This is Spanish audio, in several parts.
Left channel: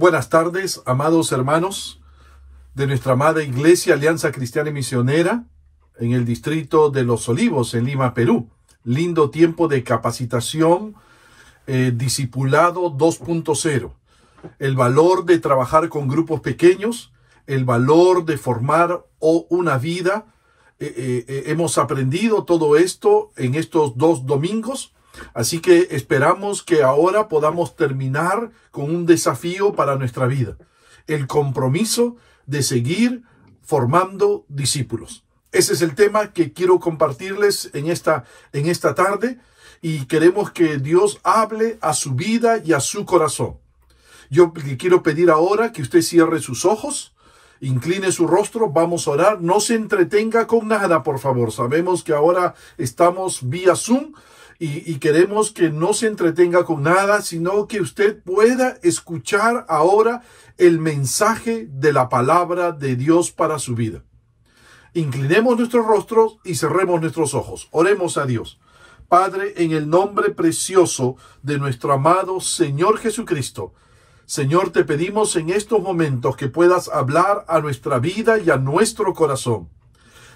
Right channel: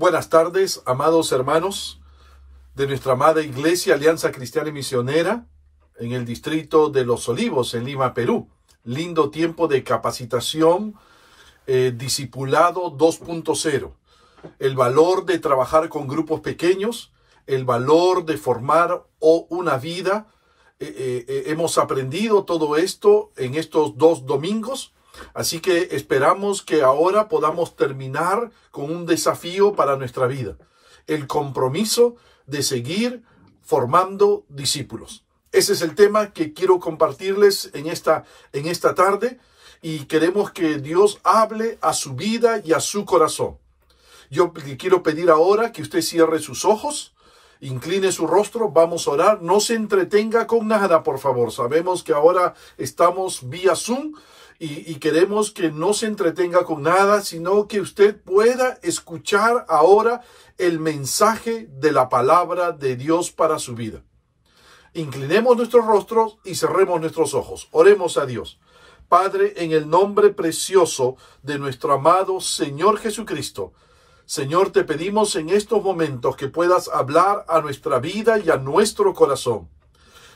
buenas tardes, amados hermanos de nuestra amada Iglesia Alianza Cristiana y Misionera en el distrito de Los Olivos, en Lima, Perú. Lindo tiempo de capacitación, discipulado 2.0. El valor de trabajar con grupos pequeños, el valor de formar una vida. Hemos aprendido todo esto en estos 2 domingos. Así que esperamos que ahora podamos terminar con un desafío para nuestra vida. El compromiso de seguir formando discípulos. Ese es el tema que quiero compartirles en esta tarde, y queremos que Dios hable a su vida y a su corazón. Yo le quiero pedir ahora que usted cierre sus ojos, incline su rostro, vamos a orar. No se entretenga con nada, por favor. Sabemos que ahora estamos vía Zoom, y queremos que no se entretenga con nada, sino que usted pueda escuchar ahora el mensaje de la palabra de Dios para su vida. Inclinemos nuestros rostros y cerremos nuestros ojos. Oremos a Dios. Padre, en el nombre precioso de nuestro amado Señor Jesucristo, Señor, te pedimos en estos momentos que puedas hablar a nuestra vida y a nuestro corazón.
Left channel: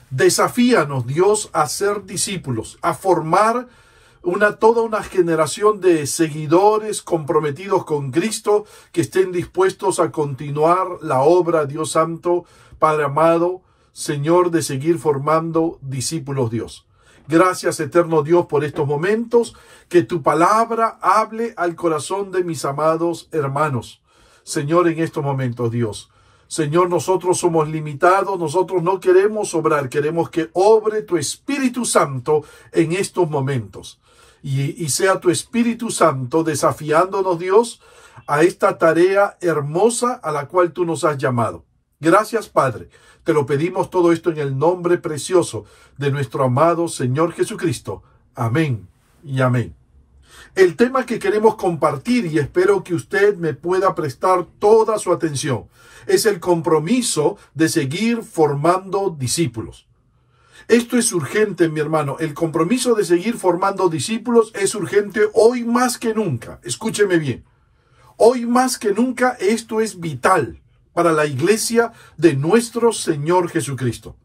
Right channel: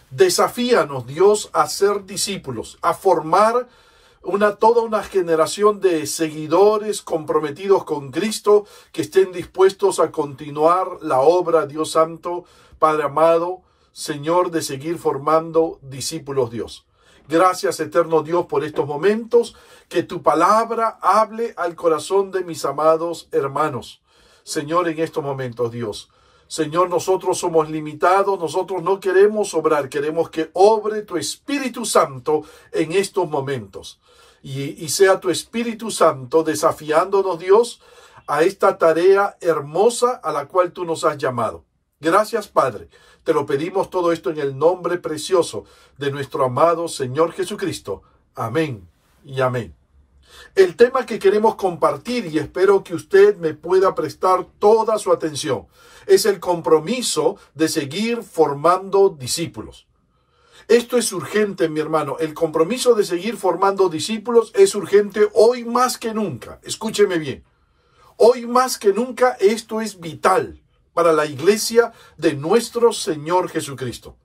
Desafíanos, Dios, a ser discípulos, a formar toda una generación de seguidores comprometidos con Cristo, que estén dispuestos a continuar la obra, Dios Santo, Padre amado, Señor, de seguir formando discípulos, Dios. Gracias, eterno Dios, por estos momentos. Que tu palabra hable al corazón de mis amados hermanos. Señor, en estos momentos, Dios. Señor, nosotros somos limitados, nosotros no queremos obrar, queremos que obre tu Espíritu Santo en estos momentos. Y sea tu Espíritu Santo desafiándonos, Dios, a esta tarea hermosa a la cual tú nos has llamado. Gracias, Padre. Te lo pedimos todo esto en el nombre precioso de nuestro amado Señor Jesucristo. Amén y amén. El tema que queremos compartir, y espero que usted me pueda prestar toda su atención, es el compromiso de seguir formando discípulos. Esto es urgente, mi hermano. El compromiso de seguir formando discípulos es urgente hoy más que nunca. Escúcheme bien. Hoy más que nunca esto es vital para la iglesia de nuestro Señor Jesucristo.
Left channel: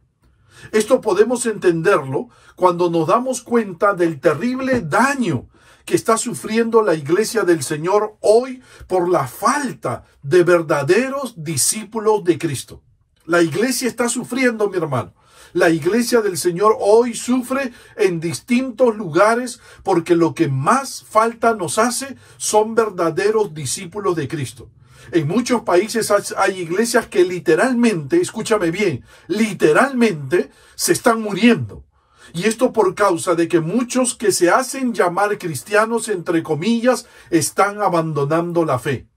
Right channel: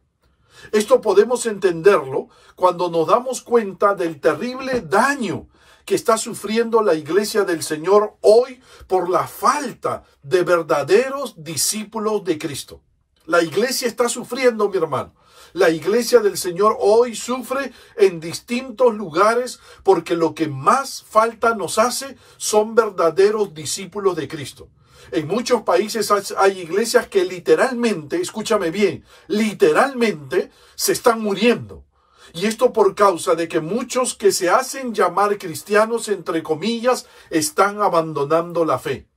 Esto podemos entenderlo cuando nos damos cuenta del terrible daño que está sufriendo la iglesia del Señor hoy por la falta de verdaderos discípulos de Cristo. La iglesia está sufriendo, mi hermano. La iglesia del Señor hoy sufre en distintos lugares porque lo que más falta nos hace son verdaderos discípulos de Cristo. En muchos países hay iglesias que literalmente, escúchame bien, literalmente se están muriendo. Y esto por causa de que muchos que se hacen llamar cristianos, entre comillas, están abandonando la fe.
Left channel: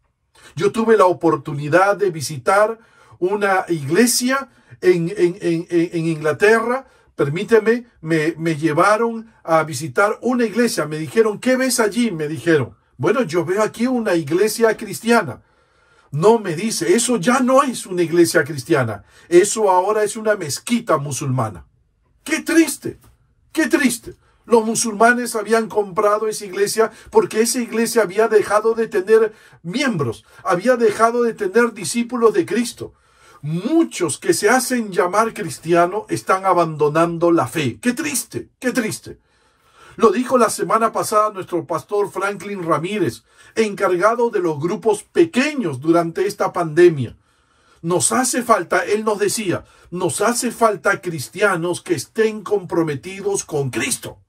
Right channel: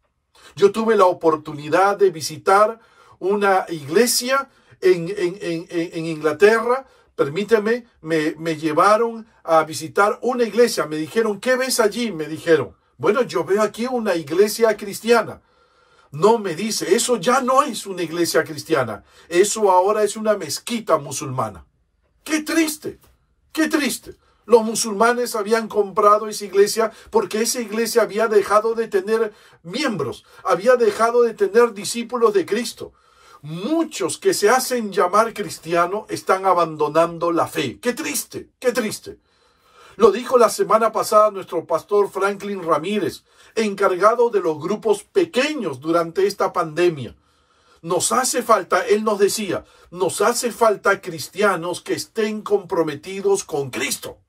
Yo tuve la oportunidad de visitar una iglesia en Inglaterra. Permíteme, me llevaron a visitar una iglesia. Me dijeron, ¿qué ves allí? Me dijeron, bueno, yo veo aquí una iglesia cristiana. No, me dice, eso ya no es una iglesia cristiana. Eso ahora es una mezquita musulmana. ¡Qué triste! ¡Qué triste! Los musulmanes habían comprado esa iglesia porque esa iglesia había dejado de tener miembros, había dejado de tener discípulos de Cristo. Muchos que se hacen llamar cristianos están abandonando la fe. ¡Qué triste! ¡Qué triste! Lo dijo la semana pasada nuestro pastor Franklin Ramírez, encargado de los grupos pequeños durante esta pandemia. Nos hace falta, él nos decía, nos hace falta cristianos que estén comprometidos con Cristo.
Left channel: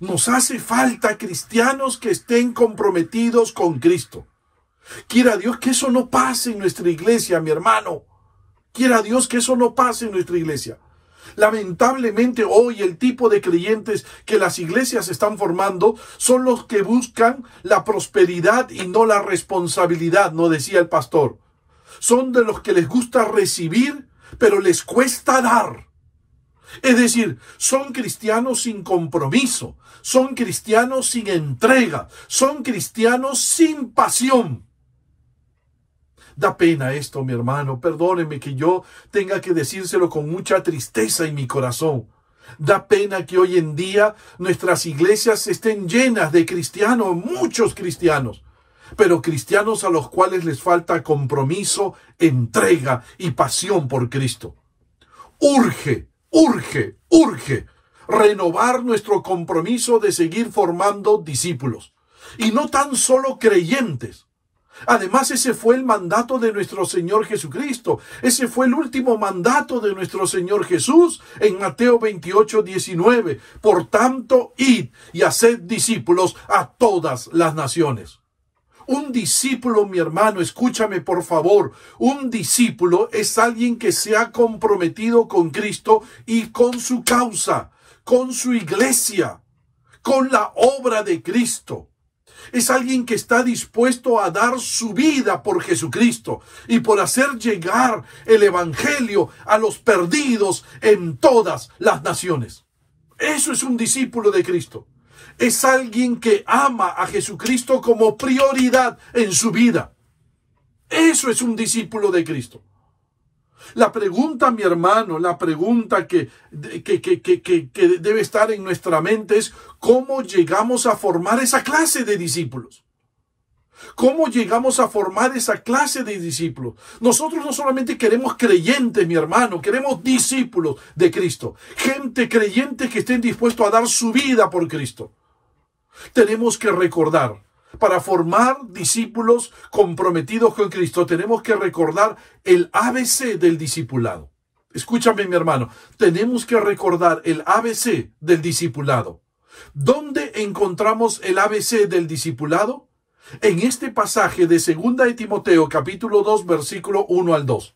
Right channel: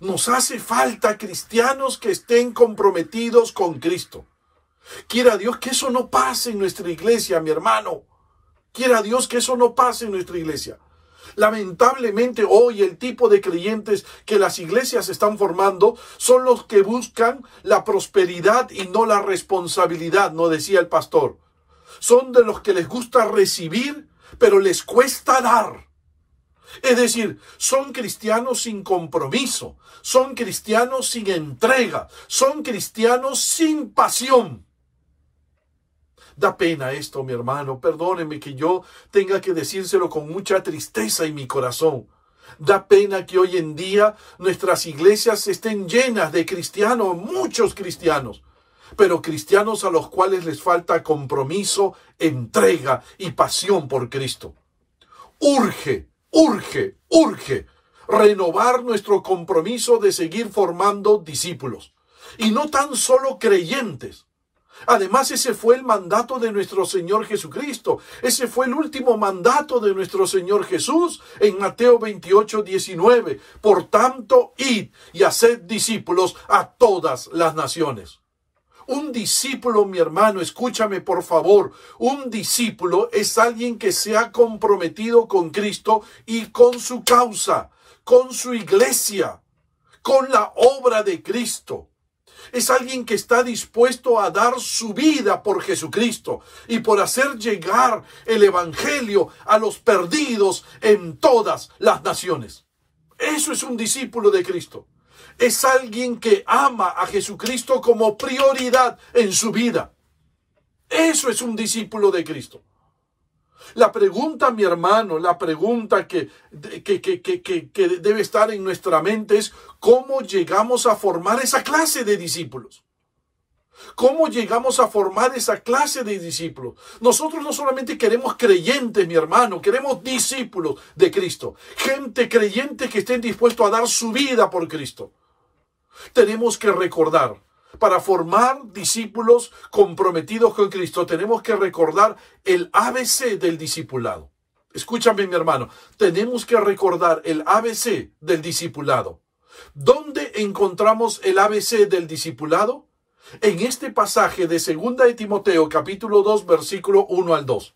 Nos hace falta cristianos que estén comprometidos con Cristo. Quiera Dios que eso no pase en nuestra iglesia, mi hermano. Quiera Dios que eso no pase en nuestra iglesia. Lamentablemente hoy el tipo de creyentes que las iglesias están formando son los que buscan la prosperidad y no la responsabilidad, nos decía el pastor. Son de los que les gusta recibir, pero les cuesta dar. Es decir, son cristianos sin compromiso, son cristianos sin entrega, son cristianos sin pasión. Da pena esto, mi hermano. Perdóneme que yo tenga que decírselo con mucha tristeza en mi corazón. Da pena que hoy en día nuestras iglesias estén llenas de cristianos, muchos cristianos, pero cristianos a los cuales les falta compromiso, entrega y pasión por Cristo. Urge renovar nuestro compromiso de seguir formando discípulos, y no tan solo creyentes. Además, ese fue el mandato de nuestro Señor Jesucristo. Ese fue el último mandato de nuestro Señor Jesús en Mateo 28:19. Por tanto, id y haced discípulos a todas las naciones. Un discípulo, mi hermano, escúchame por favor, un discípulo es alguien que se ha comprometido con Cristo y con su causa, con su iglesia, con la obra de Cristo. Es alguien que está dispuesto a dar su vida por Jesucristo y por hacer llegar el evangelio a los perdidos en todas las naciones. Eso es un discípulo de Cristo. Es alguien que ama a Jesucristo como prioridad en su vida. Eso es un discípulo de Cristo. La pregunta, mi hermano, la pregunta que debe estar en nuestra mente es: ¿cómo llegamos a formar esa clase de discípulos? ¿Cómo llegamos a formar esa clase de discípulos? Nosotros no solamente queremos creyentes, mi hermano, queremos discípulos de Cristo. Gente creyente que estén dispuestos a dar su vida por Cristo. Tenemos que recordar, para formar discípulos comprometidos con Cristo, tenemos que recordar el ABC del discipulado. Escúchame, mi hermano, tenemos que recordar el ABC del discipulado. ¿Dónde encontramos el ABC del discipulado? En este pasaje de 2 de Timoteo, capítulo 2, versículo 1 al 2.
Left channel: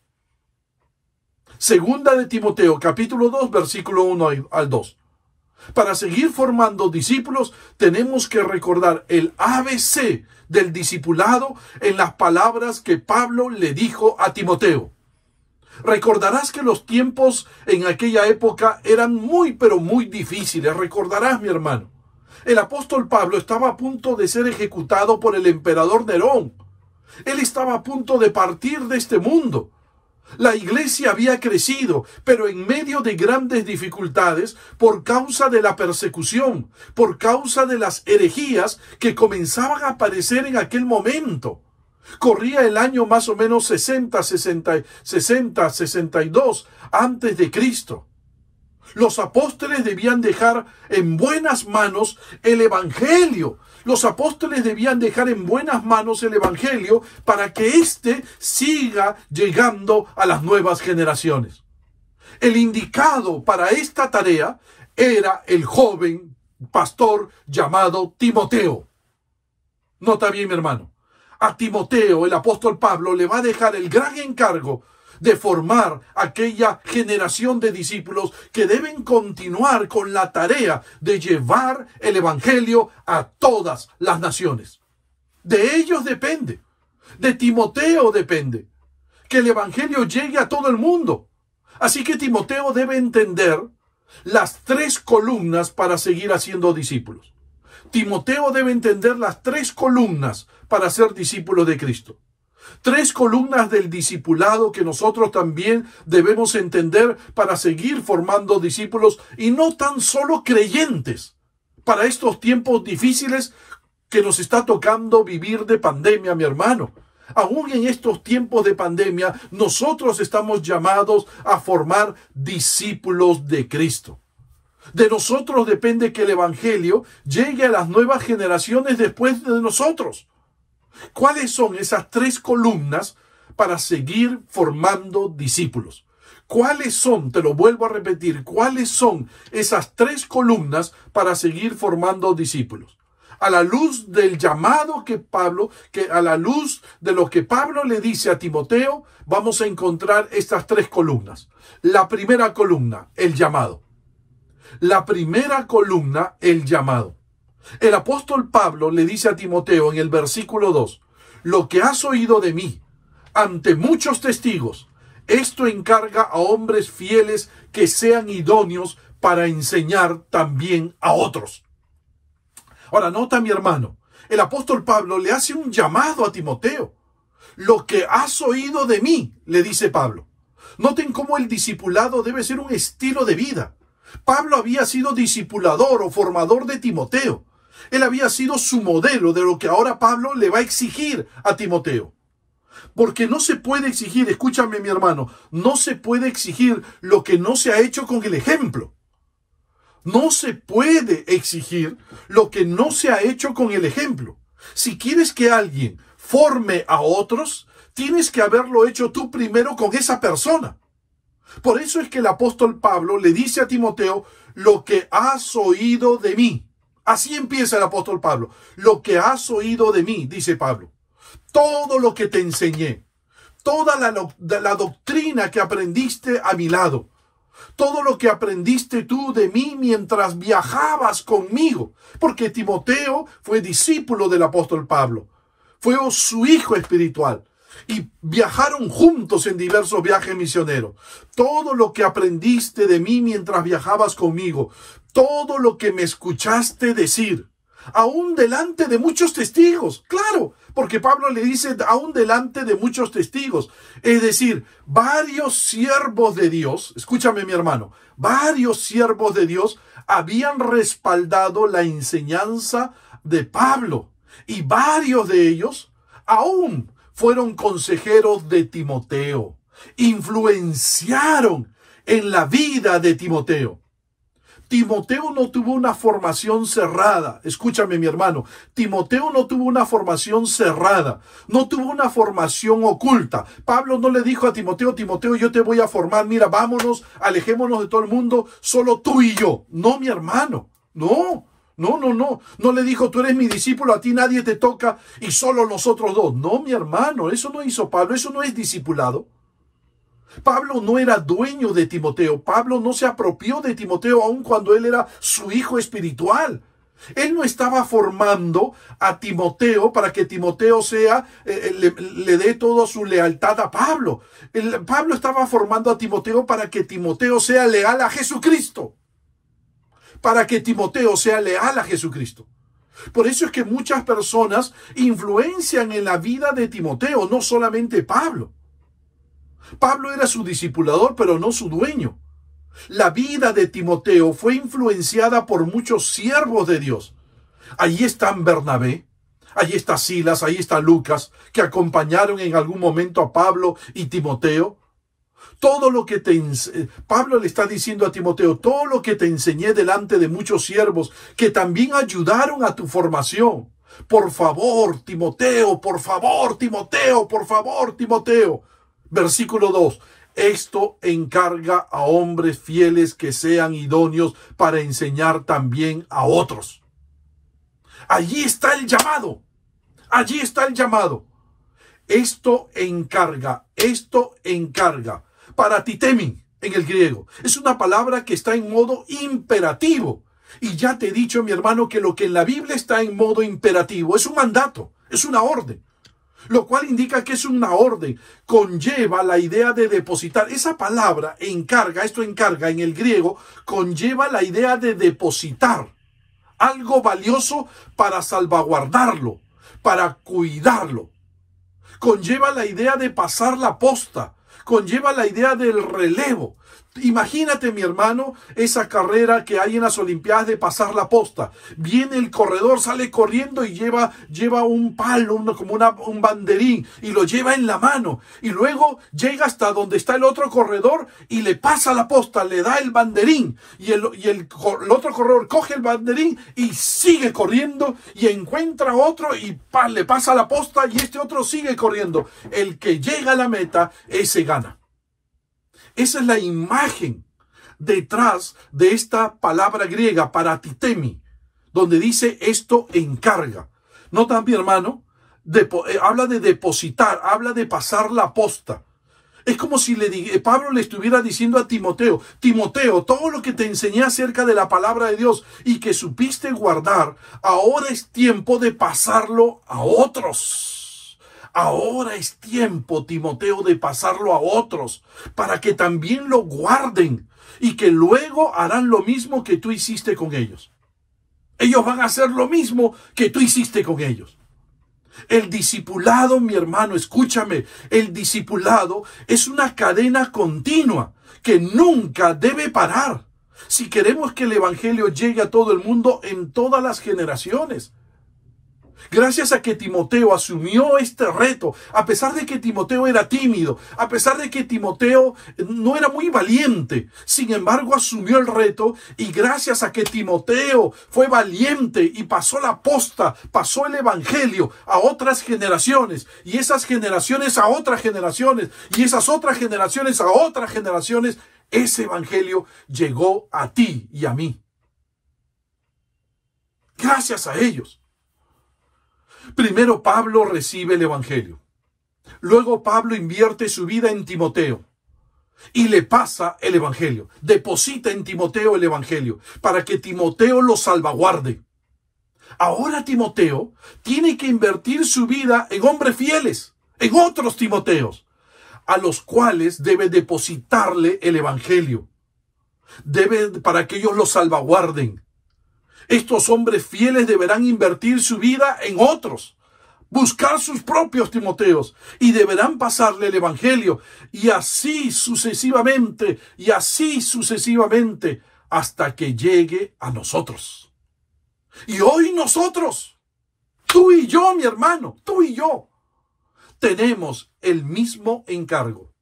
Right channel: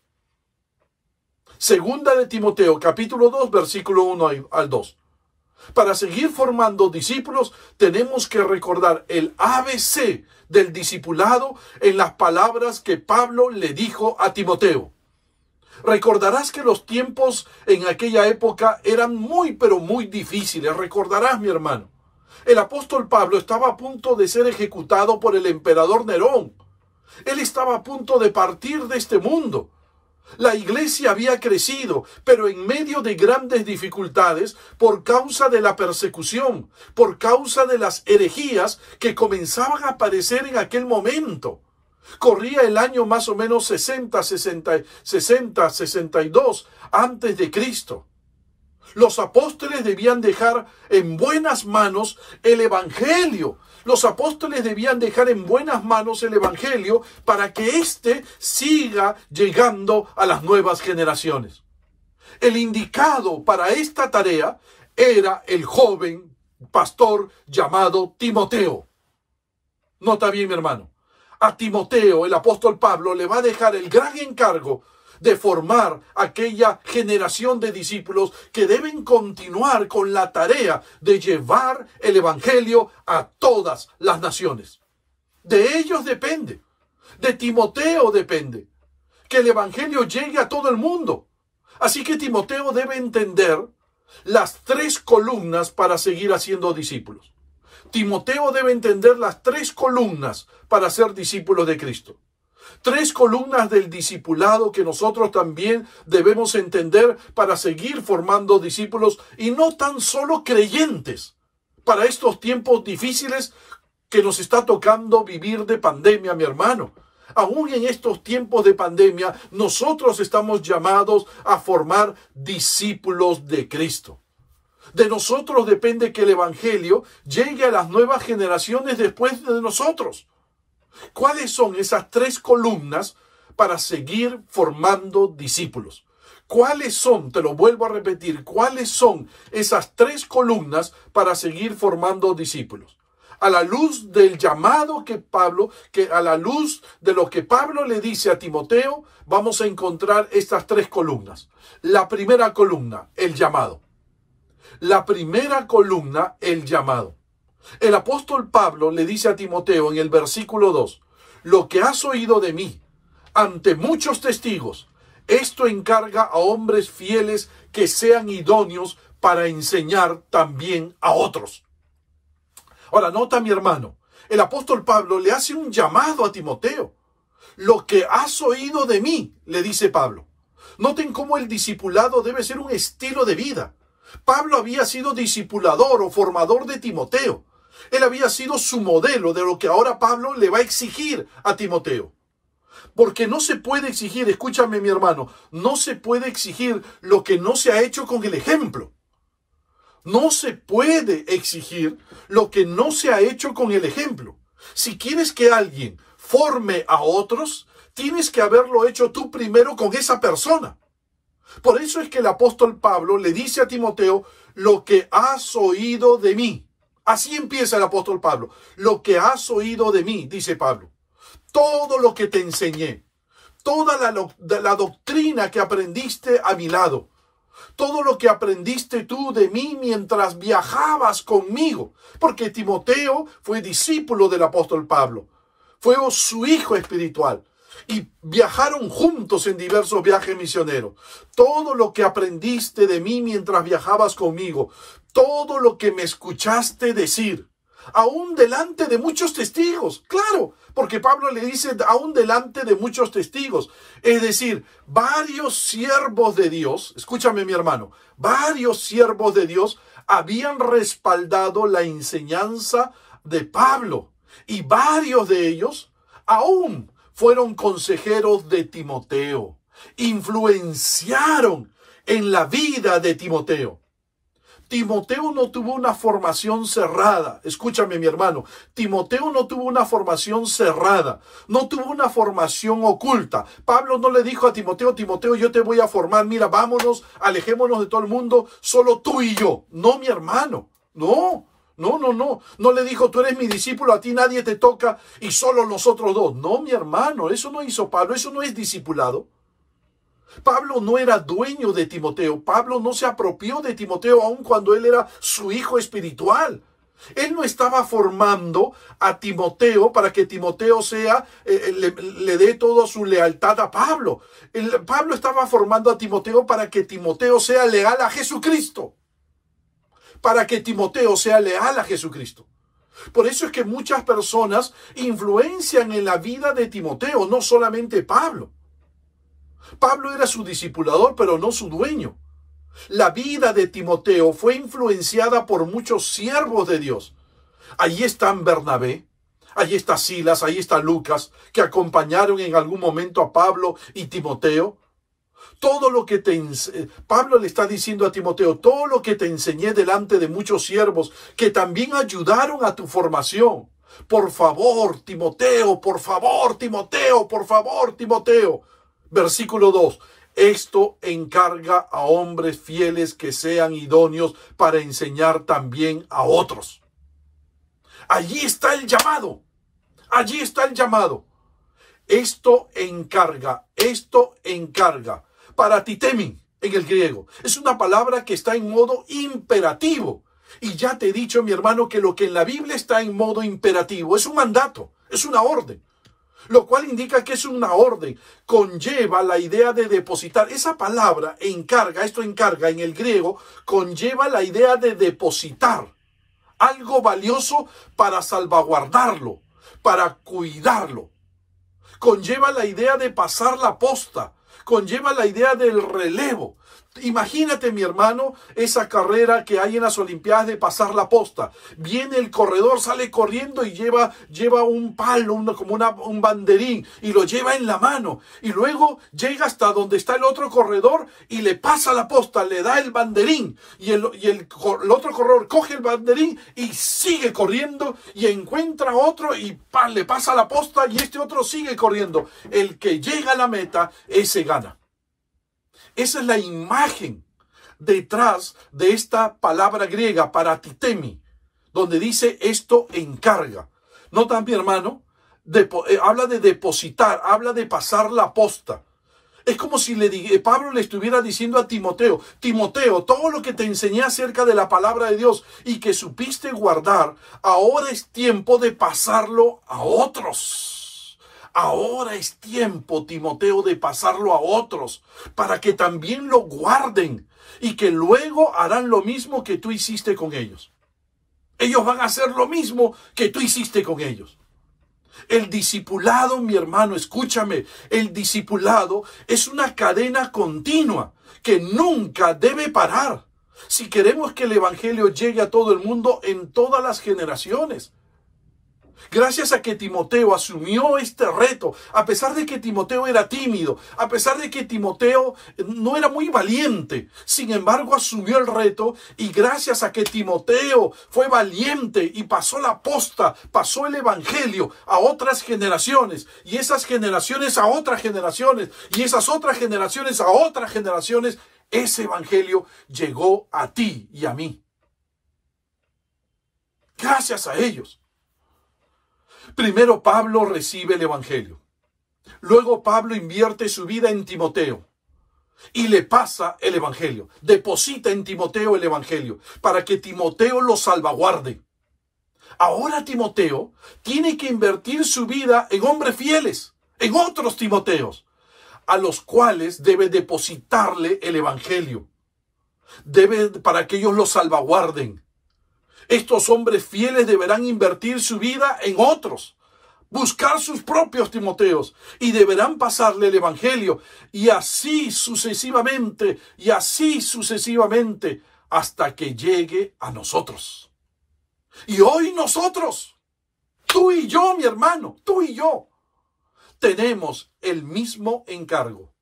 2 de Timoteo, capítulo 2, versículo 1 al 2. Para seguir formando discípulos, tenemos que recordar el ABC del discipulado en las palabras que Pablo le dijo a Timoteo. Recordarás que los tiempos en aquella época eran pero muy difíciles. Recordarás, mi hermano. El apóstol Pablo estaba a punto de ser ejecutado por el emperador Nerón. Él estaba a punto de partir de este mundo. La iglesia había crecido, pero en medio de grandes dificultades por causa de la persecución, por causa de las herejías que comenzaban a aparecer en aquel momento. Corría el año más o menos 62 antes de Cristo. Los apóstoles debían dejar en buenas manos el evangelio. Los apóstoles debían dejar en buenas manos el evangelio para que éste siga llegando a las nuevas generaciones. El indicado para esta tarea era el joven pastor llamado Timoteo. Nota bien, mi hermano. A Timoteo, el apóstol Pablo, le va a dejar el gran encargo de formar aquella generación de discípulos que deben continuar con la tarea de llevar el evangelio a todas las naciones. De ellos depende, de Timoteo depende, que el evangelio llegue a todo el mundo. Así que Timoteo debe entender las 3 columnas para seguir haciendo discípulos. Timoteo debe entender las 3 columnas para ser discípulos de Cristo. 3 columnas del discipulado que nosotros también debemos entender para seguir formando discípulos y no tan solo creyentes para estos tiempos difíciles que nos está tocando vivir de pandemia, mi hermano. Aún en estos tiempos de pandemia, nosotros estamos llamados a formar discípulos de Cristo. De nosotros depende que el evangelio llegue a las nuevas generaciones después de nosotros. ¿Cuáles son esas 3 columnas para seguir formando discípulos? ¿Cuáles son, te lo vuelvo a repetir, cuáles son esas 3 columnas para seguir formando discípulos? A la luz del llamado a la luz de lo que Pablo le dice a Timoteo, vamos a encontrar estas 3 columnas. La primera columna, el llamado. La primera columna, el llamado. El apóstol Pablo le dice a Timoteo en el versículo 2, lo que has oído de mí ante muchos testigos, esto encarga a hombres fieles que sean idóneos para enseñar también a otros. Ahora, nota, mi hermano, el apóstol Pablo le hace un llamado a Timoteo. Lo que has oído de mí, le dice Pablo. Noten cómo el discipulado debe ser un estilo de vida. Pablo había sido discipulador o formador de Timoteo. Él había sido su modelo de lo que ahora Pablo le va a exigir a Timoteo. Porque no se puede exigir, escúchame mi hermano, no se puede exigir lo que no se ha hecho con el ejemplo. No se puede exigir lo que no se ha hecho con el ejemplo. Si quieres que alguien forme a otros, tienes que haberlo hecho tú primero con esa persona. Por eso es que el apóstol Pablo le dice a Timoteo, lo que has oído de mí. Así empieza el apóstol Pablo. Lo que has oído de mí, dice Pablo. Todo lo que te enseñé. Toda la doctrina que aprendiste a mi lado. Todo lo que aprendiste tú de mí mientras viajabas conmigo. Porque Timoteo fue discípulo del apóstol Pablo. Fue su hijo espiritual. Y viajaron juntos en diversos viajes misioneros. Todo lo que aprendiste de mí mientras viajabas conmigo. Todo lo que me escuchaste decir. Aún delante de muchos testigos. Claro, porque Pablo le dice aún delante de muchos testigos. Es decir, varios siervos de Dios, escúchame mi hermano, varios siervos de Dios habían respaldado la enseñanza de Pablo. Y varios de ellos aún fueron consejeros de Timoteo. Influenciaron en la vida de Timoteo. Timoteo no tuvo una formación cerrada. Escúchame, mi hermano. Timoteo no tuvo una formación cerrada. No tuvo una formación oculta. Pablo no le dijo a Timoteo, Timoteo, yo te voy a formar. Mira, vámonos, alejémonos de todo el mundo, solo tú y yo. No, mi hermano. No. No le dijo, tú eres mi discípulo, a ti nadie te toca y solo nosotros dos. No, mi hermano, eso no hizo Pablo, eso no es discipulado. Pablo no era dueño de Timoteo. Pablo no se apropió de Timoteo aun cuando él era su hijo espiritual. Él no estaba formando a Timoteo para que Timoteo le dé toda su lealtad a Pablo. Pablo estaba formando a Timoteo para que Timoteo sea leal a Jesucristo. Para que Timoteo sea leal a Jesucristo. Por eso es que muchas personas influencian en la vida de Timoteo, no solamente Pablo. Pablo era su discipulador, pero no su dueño. La vida de Timoteo fue influenciada por muchos siervos de Dios. Allí están Bernabé, allí está Silas, ahí está Lucas, que acompañaron en algún momento a Pablo y Timoteo. Todo lo que Pablo le está diciendo a Timoteo, todo lo que te enseñé delante de muchos siervos que también ayudaron a tu formación. Por favor, Timoteo, por favor, Timoteo, por favor, Timoteo. Versículo 2. Esto encarga a hombres fieles que sean idóneos para enseñar también a otros. Allí está el llamado. Allí está el llamado. Esto encarga. Paratitemi en el griego. Es una palabra que está en modo imperativo. Y ya te he dicho, mi hermano, que lo que en la Biblia está en modo imperativo es un mandato, es una orden. Lo cual indica que es una orden, conlleva la idea de depositar. Esa palabra encarga, esto encarga en el griego, conlleva la idea de depositar algo valioso para salvaguardarlo, para cuidarlo. Conlleva la idea de pasar la posta, conlleva la idea del relevo. Imagínate, mi hermano, esa carrera que hay en las Olimpiadas de pasar la posta. Viene el corredor, sale corriendo y lleva un palo, un banderín, y lo lleva en la mano. Y luego llega hasta donde está el otro corredor y le pasa la posta, le da el banderín. Y el otro corredor coge el banderín y sigue corriendo y encuentra otro y le pasa la posta y este otro sigue corriendo. El que llega a la meta, ese gana. Esa es la imagen detrás de esta palabra griega, paratitemi, donde dice esto encarga. Nota, mi hermano, habla de depositar, habla de pasar la posta. Es como si Pablo le estuviera diciendo a Timoteo, Timoteo, todo lo que te enseñé acerca de la palabra de Dios y que supiste guardar, ahora es tiempo de pasarlo a otros. Ahora es tiempo, Timoteo, de pasarlo a otros, para que también lo guarden y que luego harán lo mismo que tú hiciste con ellos. Ellos van a hacer lo mismo que tú hiciste con ellos. El discipulado, mi hermano, escúchame, el discipulado es una cadena continua que nunca debe parar. Si queremos que el evangelio llegue a todo el mundo en todas las generaciones. Gracias a que Timoteo asumió este reto, a pesar de que Timoteo era tímido, a pesar de que Timoteo no era muy valiente, sin embargo asumió el reto, y gracias a que Timoteo fue valiente y pasó la posta, pasó el evangelio a otras generaciones, y esas generaciones a otras generaciones, y esas otras generaciones a otras generaciones, ese evangelio llegó a ti y a mí. Gracias a ellos. Primero Pablo recibe el evangelio. Luego Pablo invierte su vida en Timoteo y le pasa el evangelio. Deposita en Timoteo el evangelio para que Timoteo lo salvaguarde. Ahora Timoteo tiene que invertir su vida en hombres fieles, en otros Timoteos, a los cuales debe depositarle el evangelio. Para que ellos lo salvaguarden. Estos hombres fieles deberán invertir su vida en otros, buscar sus propios Timoteos, y deberán pasarle el evangelio, y así sucesivamente, hasta que llegue a nosotros. Y hoy nosotros, tú y yo, mi hermano, tú y yo, tenemos el mismo encargo:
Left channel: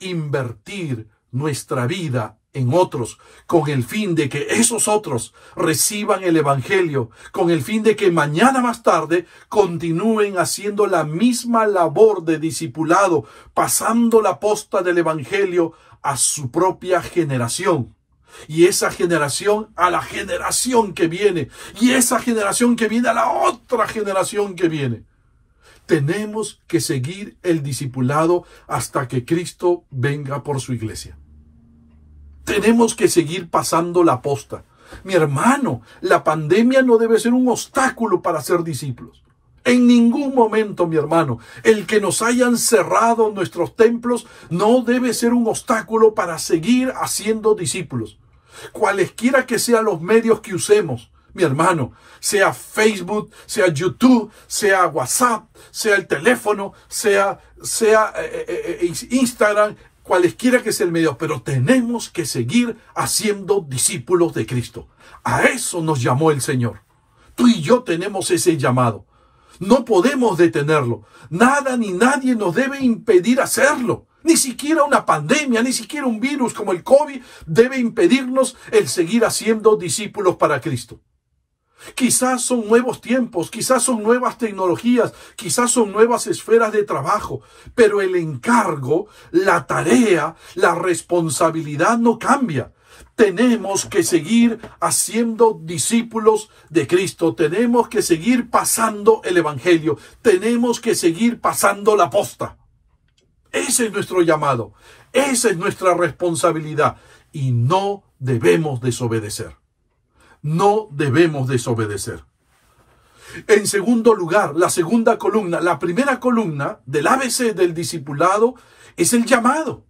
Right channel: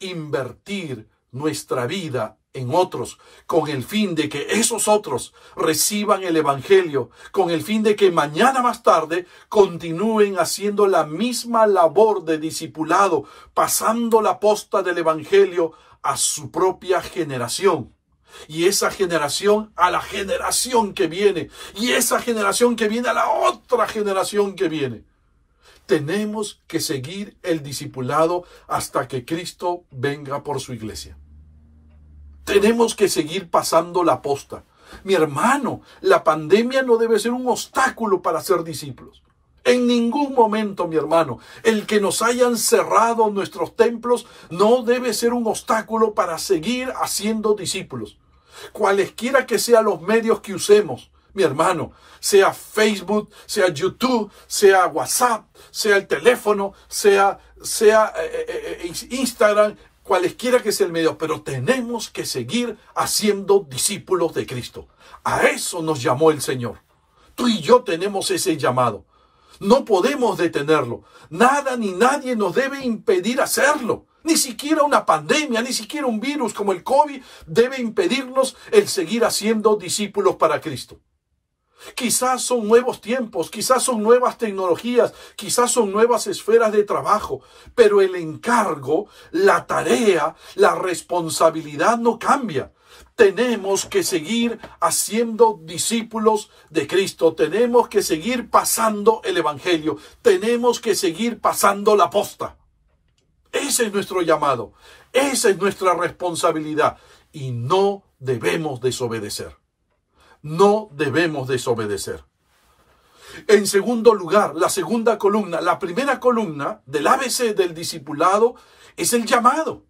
invertir nuestra vida en otros, con el fin de que esos otros reciban el evangelio, con el fin de que mañana más tarde continúen haciendo la misma labor de discipulado, pasando la posta del evangelio a su propia generación. Y esa generación a la generación que viene, y esa generación que viene a la otra generación que viene. Tenemos que seguir el discipulado hasta que Cristo venga por su iglesia. Tenemos que seguir pasando la posta. Mi hermano, la pandemia no debe ser un obstáculo para ser discípulos. En ningún momento, mi hermano, el que nos hayan cerrado nuestros templos no debe ser un obstáculo para seguir haciendo discípulos. Cualesquiera que sean los medios que usemos, mi hermano, sea Facebook, sea YouTube, sea WhatsApp, sea el teléfono, sea Instagram, cualesquiera que sea el medio, pero tenemos que seguir haciendo discípulos de Cristo. A eso nos llamó el Señor. Tú y yo tenemos ese llamado. No podemos detenerlo. Nada ni nadie nos debe impedir hacerlo. Ni siquiera una pandemia, ni siquiera un virus como el COVID debe impedirnos el seguir haciendo discípulos para Cristo. Quizás son nuevos tiempos, quizás son nuevas tecnologías, quizás son nuevas esferas de trabajo, pero el encargo, la tarea, la responsabilidad no cambia. Tenemos que seguir haciendo discípulos de Cristo, tenemos que seguir pasando el evangelio, tenemos que seguir pasando la posta. Ese es nuestro llamado, esa es nuestra responsabilidad y no debemos desobedecer. No debemos desobedecer. En segundo lugar, la segunda columna, la primera columna del ABC del discipulado es el llamado.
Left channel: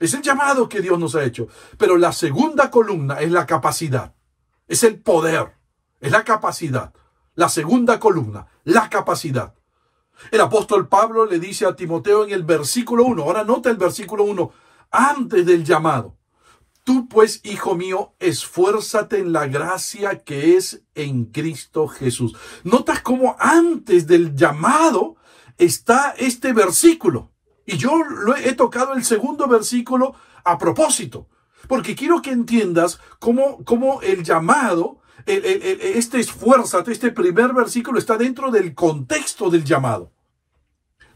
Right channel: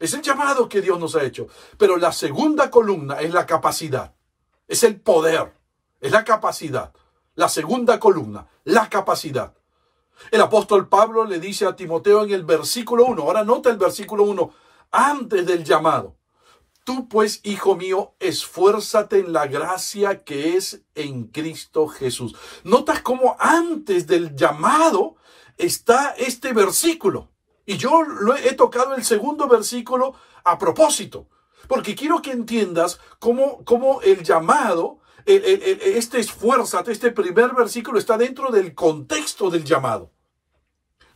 Es el llamado que Dios nos ha hecho. Pero la segunda columna es la capacidad. Es el poder. Es la capacidad. La segunda columna, la capacidad. El apóstol Pablo le dice a Timoteo en el versículo 1. Ahora nota el versículo 1. Antes del llamado. Tú pues, hijo mío, esfuérzate en la gracia que es en Cristo Jesús. ¿Notas cómo antes del llamado está este versículo? Y yo he tocado el segundo versículo a propósito, porque quiero que entiendas cómo el llamado, este esfuérzate, este primer versículo está dentro del contexto del llamado.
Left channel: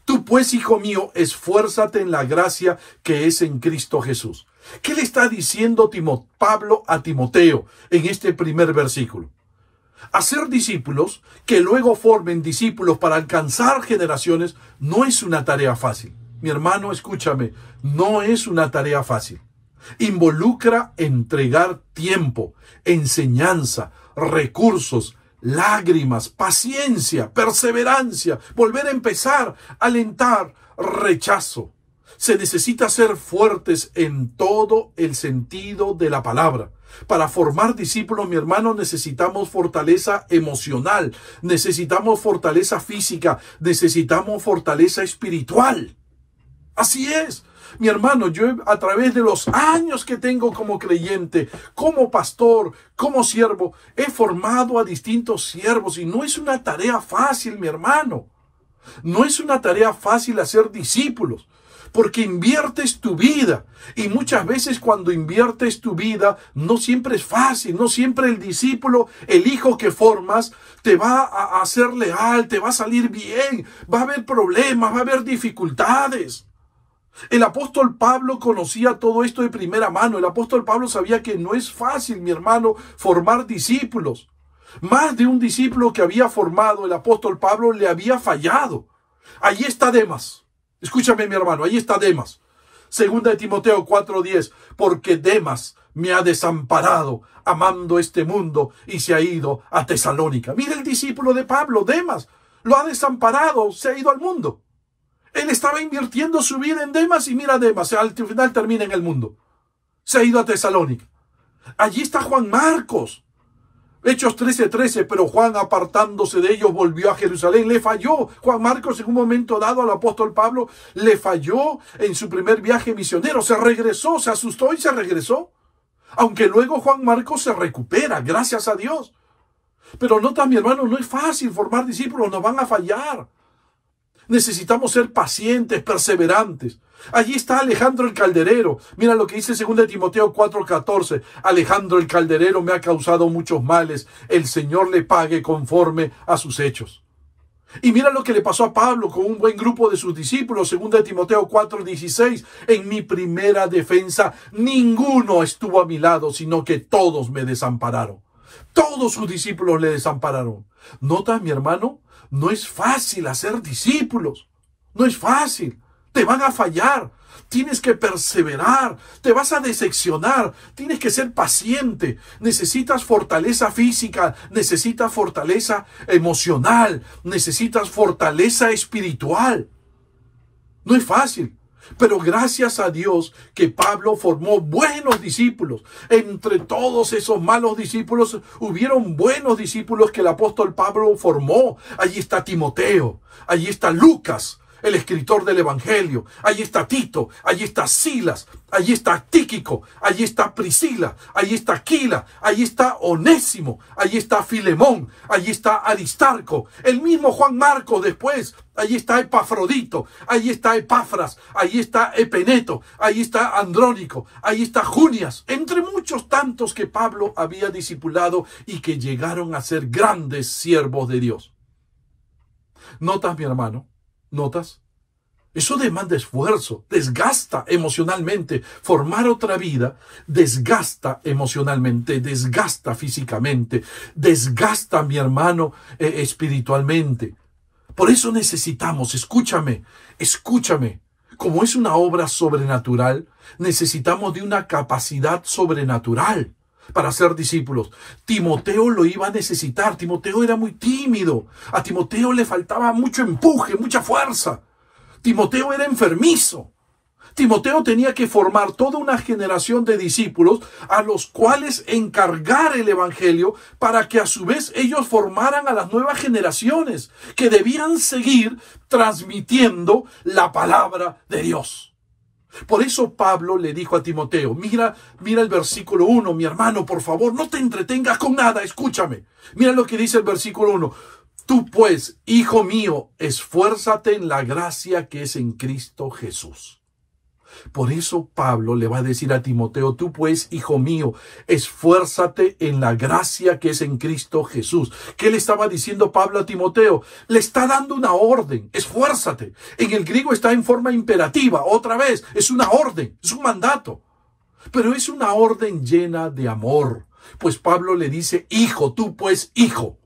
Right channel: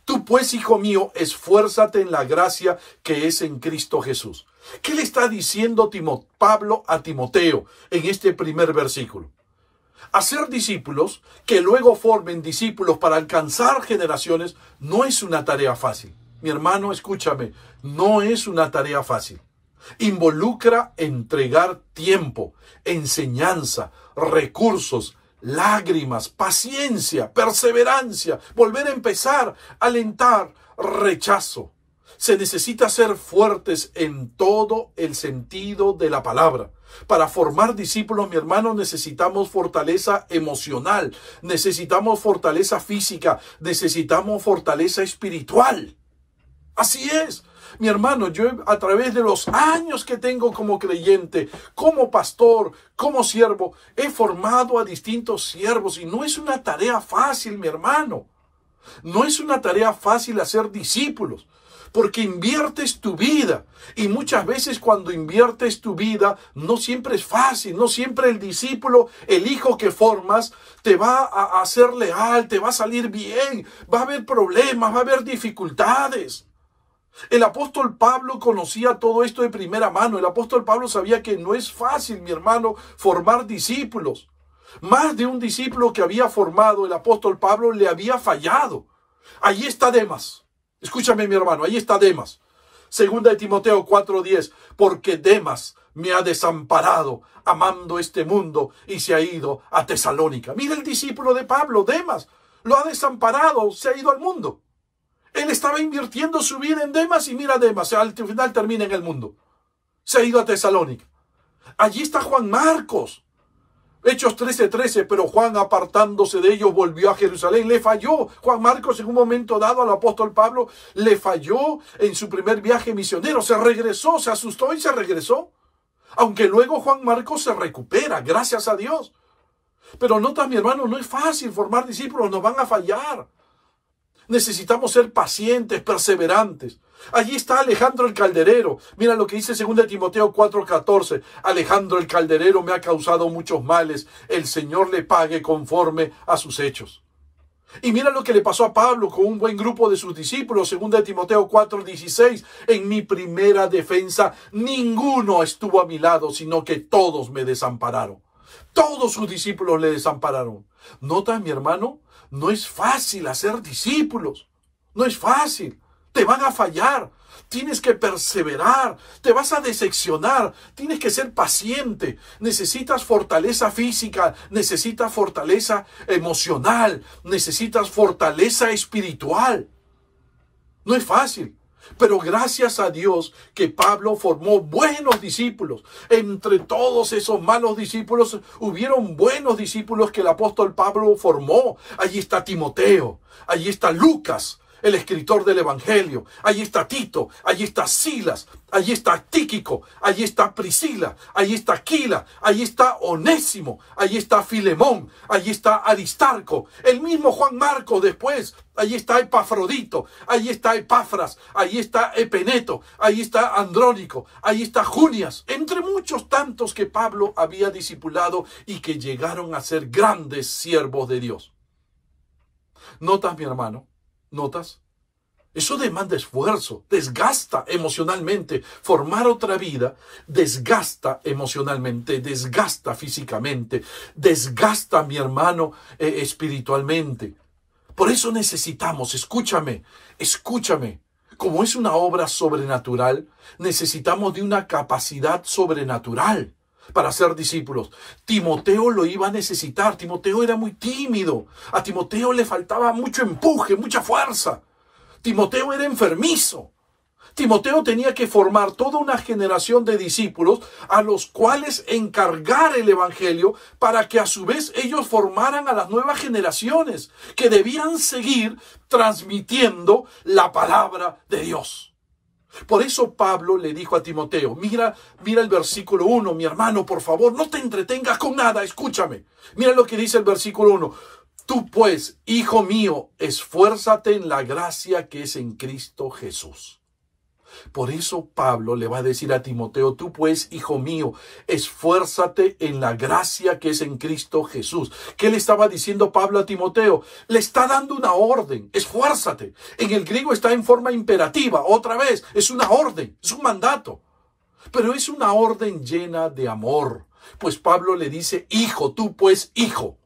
Tú pues, hijo mío, esfuérzate en la gracia que es en Cristo Jesús. ¿Qué le está diciendo Pablo a Timoteo en este primer versículo? Hacer discípulos que luego formen discípulos para alcanzar generaciones no es una tarea fácil. Mi hermano, escúchame, no es una tarea fácil. Involucra entregar tiempo, enseñanza, recursos, lágrimas, paciencia, perseverancia, volver a empezar, alentar, rechazo. Se necesita ser fuertes en todo el sentido de la palabra. Para formar discípulos, mi hermano, necesitamos fortaleza emocional, necesitamos fortaleza física, necesitamos fortaleza espiritual. Así es. Mi hermano, yo a través de los años que tengo como creyente, como pastor, como siervo, he formado a distintos siervos y no es una tarea fácil, mi hermano. No es una tarea fácil hacer discípulos, porque inviertes tu vida y muchas veces cuando inviertes tu vida no siempre es fácil, no siempre el discípulo, el hijo que formas, te va a ser leal, te va a salir bien, va a haber problemas, va a haber dificultades. El apóstol Pablo conocía todo esto de primera mano. El apóstol Pablo sabía que no es fácil, mi hermano, formar discípulos. Más de un discípulo que había formado el apóstol Pablo le había fallado. Allí está Demas. Escúchame, mi hermano, ahí está Demas. Segunda de Timoteo 4:10, porque Demas me ha desamparado amando este mundo y se ha ido a Tesalónica. Mira el discípulo de Pablo, Demas, lo ha desamparado, se ha ido al mundo. Él estaba invirtiendo su vida en Demas y mira Demas, al final termina en el mundo. Se ha ido a Tesalónica. Allí está Juan Marcos. Hechos 13:13, pero Juan apartándose de ellos volvió a Jerusalén. Le falló. Juan Marcos en un momento dado al apóstol Pablo le falló en su primer viaje misionero. Se regresó, se asustó y se regresó. Aunque luego Juan Marcos se recupera, gracias a Dios. Pero nota, mi hermano, no es fácil formar discípulos, nos van a fallar. Necesitamos ser pacientes, perseverantes. Allí está Alejandro el calderero. Mira lo que dice 2 Timoteo 4:14. Alejandro el calderero me ha causado muchos males. El Señor le pague conforme a sus hechos. Y mira lo que le pasó a Pablo con un buen grupo de sus discípulos. 2 Timoteo 4:16. En mi primera defensa ninguno estuvo a mi lado, sino que todos me desampararon. Todos sus discípulos le desampararon. ¿Notas, mi hermano? No es fácil hacer discípulos. No es fácil. Te van a fallar. Tienes que perseverar. Te vas a decepcionar. Tienes que ser paciente. Necesitas fortaleza física. Necesitas fortaleza emocional. Necesitas fortaleza espiritual. No es fácil. Pero gracias a Dios que Pablo formó buenos discípulos. Entre todos esos malos discípulos, hubieron buenos discípulos que el apóstol Pablo formó. Allí está Timoteo, allí está Lucas, el escritor del Evangelio. Allí está Tito, allí está Silas, allí está Tíquico, allí está Priscila, allí está Aquila, allí está Onésimo, allí está Filemón, allí está Aristarco, el mismo Juan Marcos después. Allí está Epafrodito, allí está Epafras, allí está Epeneto, allí está Andrónico, allí está Junias, entre muchos tantos que Pablo había discipulado y que llegaron a ser grandes siervos de Dios. ¿Notas, mi hermano? ¿Notas? Eso demanda esfuerzo, desgasta emocionalmente. Formar otra vida desgasta emocionalmente, desgasta físicamente, desgasta, mi hermano, espiritualmente. Por eso necesitamos, escúchame, como es una obra sobrenatural, necesitamos de una capacidad sobrenatural para ser discípulos. Timoteo lo iba a necesitar. Timoteo era muy tímido. A Timoteo le faltaba mucho empuje, mucha fuerza. Timoteo era enfermizo. Timoteo tenía que formar toda una generación de discípulos a los cuales encargar el evangelio para que a su vez ellos formaran a las nuevas generaciones que debían seguir transmitiendo la palabra de Dios. Por eso Pablo le dijo a Timoteo, mira el versículo 1, mi hermano, por favor, no te entretengas con nada, escúchame. Mira lo que dice el versículo 1. Tú pues, hijo mío, esfuérzate en la gracia que es en Cristo Jesús. Por eso Pablo le va a decir a Timoteo, tú pues, hijo mío, esfuérzate en la gracia que es en Cristo Jesús. ¿Qué le estaba diciendo Pablo a Timoteo? Le está dando una orden, esfuérzate. En el griego está en forma imperativa, otra vez, es una orden, es un mandato. Pero es una orden llena de amor. Pues Pablo le dice, hijo, tú pues, hijo.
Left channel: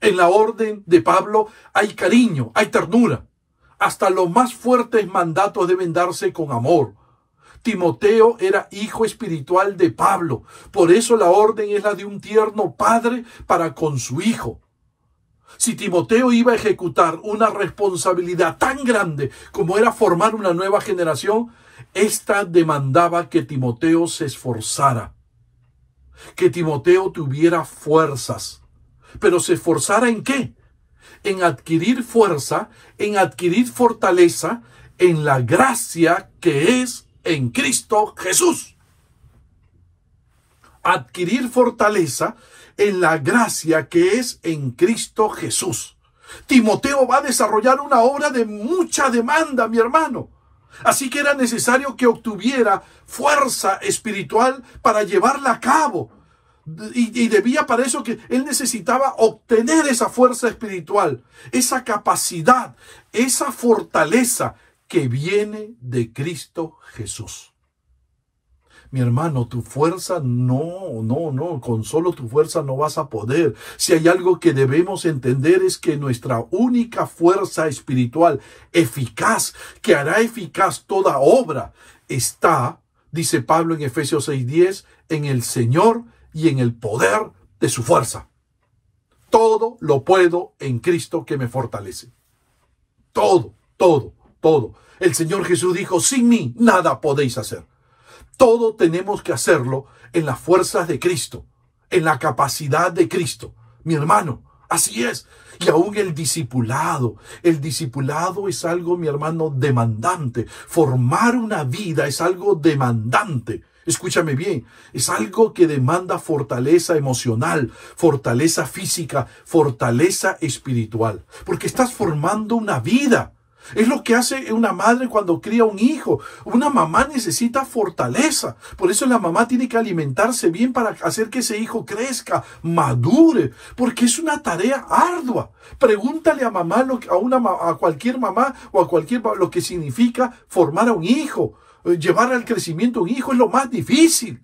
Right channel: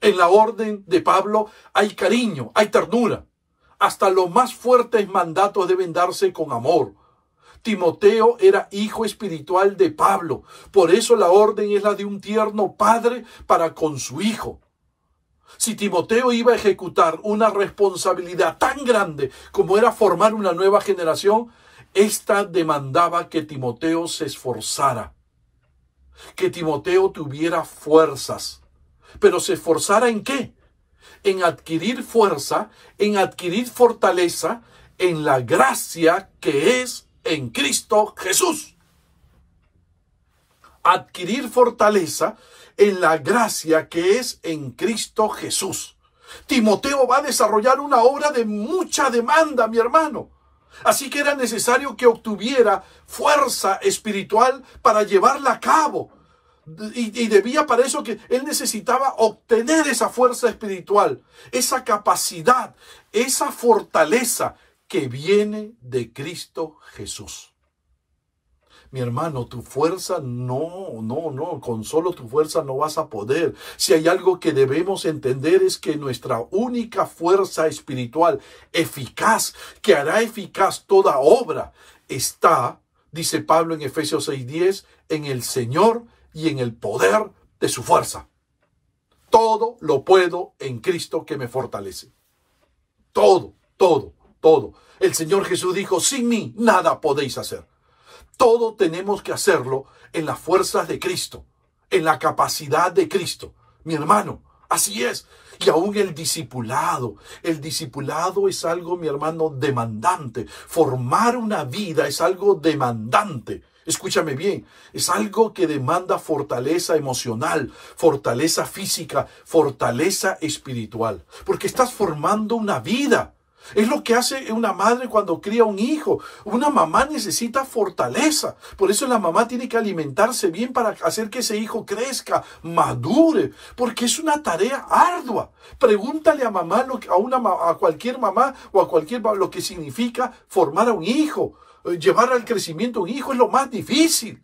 En la orden de Pablo hay cariño, hay ternura. Hasta los más fuertes mandatos deben darse con amor. Timoteo era hijo espiritual de Pablo. Por eso la orden es la de un tierno padre para con su hijo. Si Timoteo iba a ejecutar una responsabilidad tan grande como era formar una nueva generación, esta demandaba que Timoteo se esforzara. Que Timoteo tuviera fuerzas. Pero ¿se esforzara en qué? En adquirir fuerza, en adquirir fortaleza, en la gracia que es en Cristo Jesús. Adquirir fortaleza en la gracia que es en Cristo Jesús. Timoteo va a desarrollar una obra de mucha demanda, mi hermano. Así que era necesario que obtuviera fuerza espiritual para llevarla a cabo. Y debía para eso que él necesitaba obtener esa fuerza espiritual, esa capacidad, esa fortaleza que viene de Cristo Jesús. Mi hermano, tu fuerza no, con solo tu fuerza no vas a poder. Si hay algo que debemos entender es que nuestra única fuerza espiritual eficaz, que hará eficaz toda obra, está, dice Pablo en Efesios 6:10, en el Señor y en el poder de su fuerza. Todo lo puedo en Cristo que me fortalece. Todo. El Señor Jesús dijo, sin mí nada podéis hacer. Todo tenemos que hacerlo en las fuerzas de Cristo, en la capacidad de Cristo. Mi hermano, así es. Y aún el discipulado es algo, mi hermano, demandante. Formar una vida es algo demandante. Escúchame bien, es algo que demanda fortaleza emocional, fortaleza física, fortaleza espiritual. Porque estás formando una vida. Es lo que hace una madre cuando cría un hijo. Una mamá necesita fortaleza. Por eso la mamá tiene que alimentarse bien para hacer que ese hijo crezca, madure. Porque es una tarea ardua. Pregúntale a mamá, a cualquier mamá o a cualquier lo que significa formar a un hijo. Llevar al crecimiento a un hijo es lo más difícil.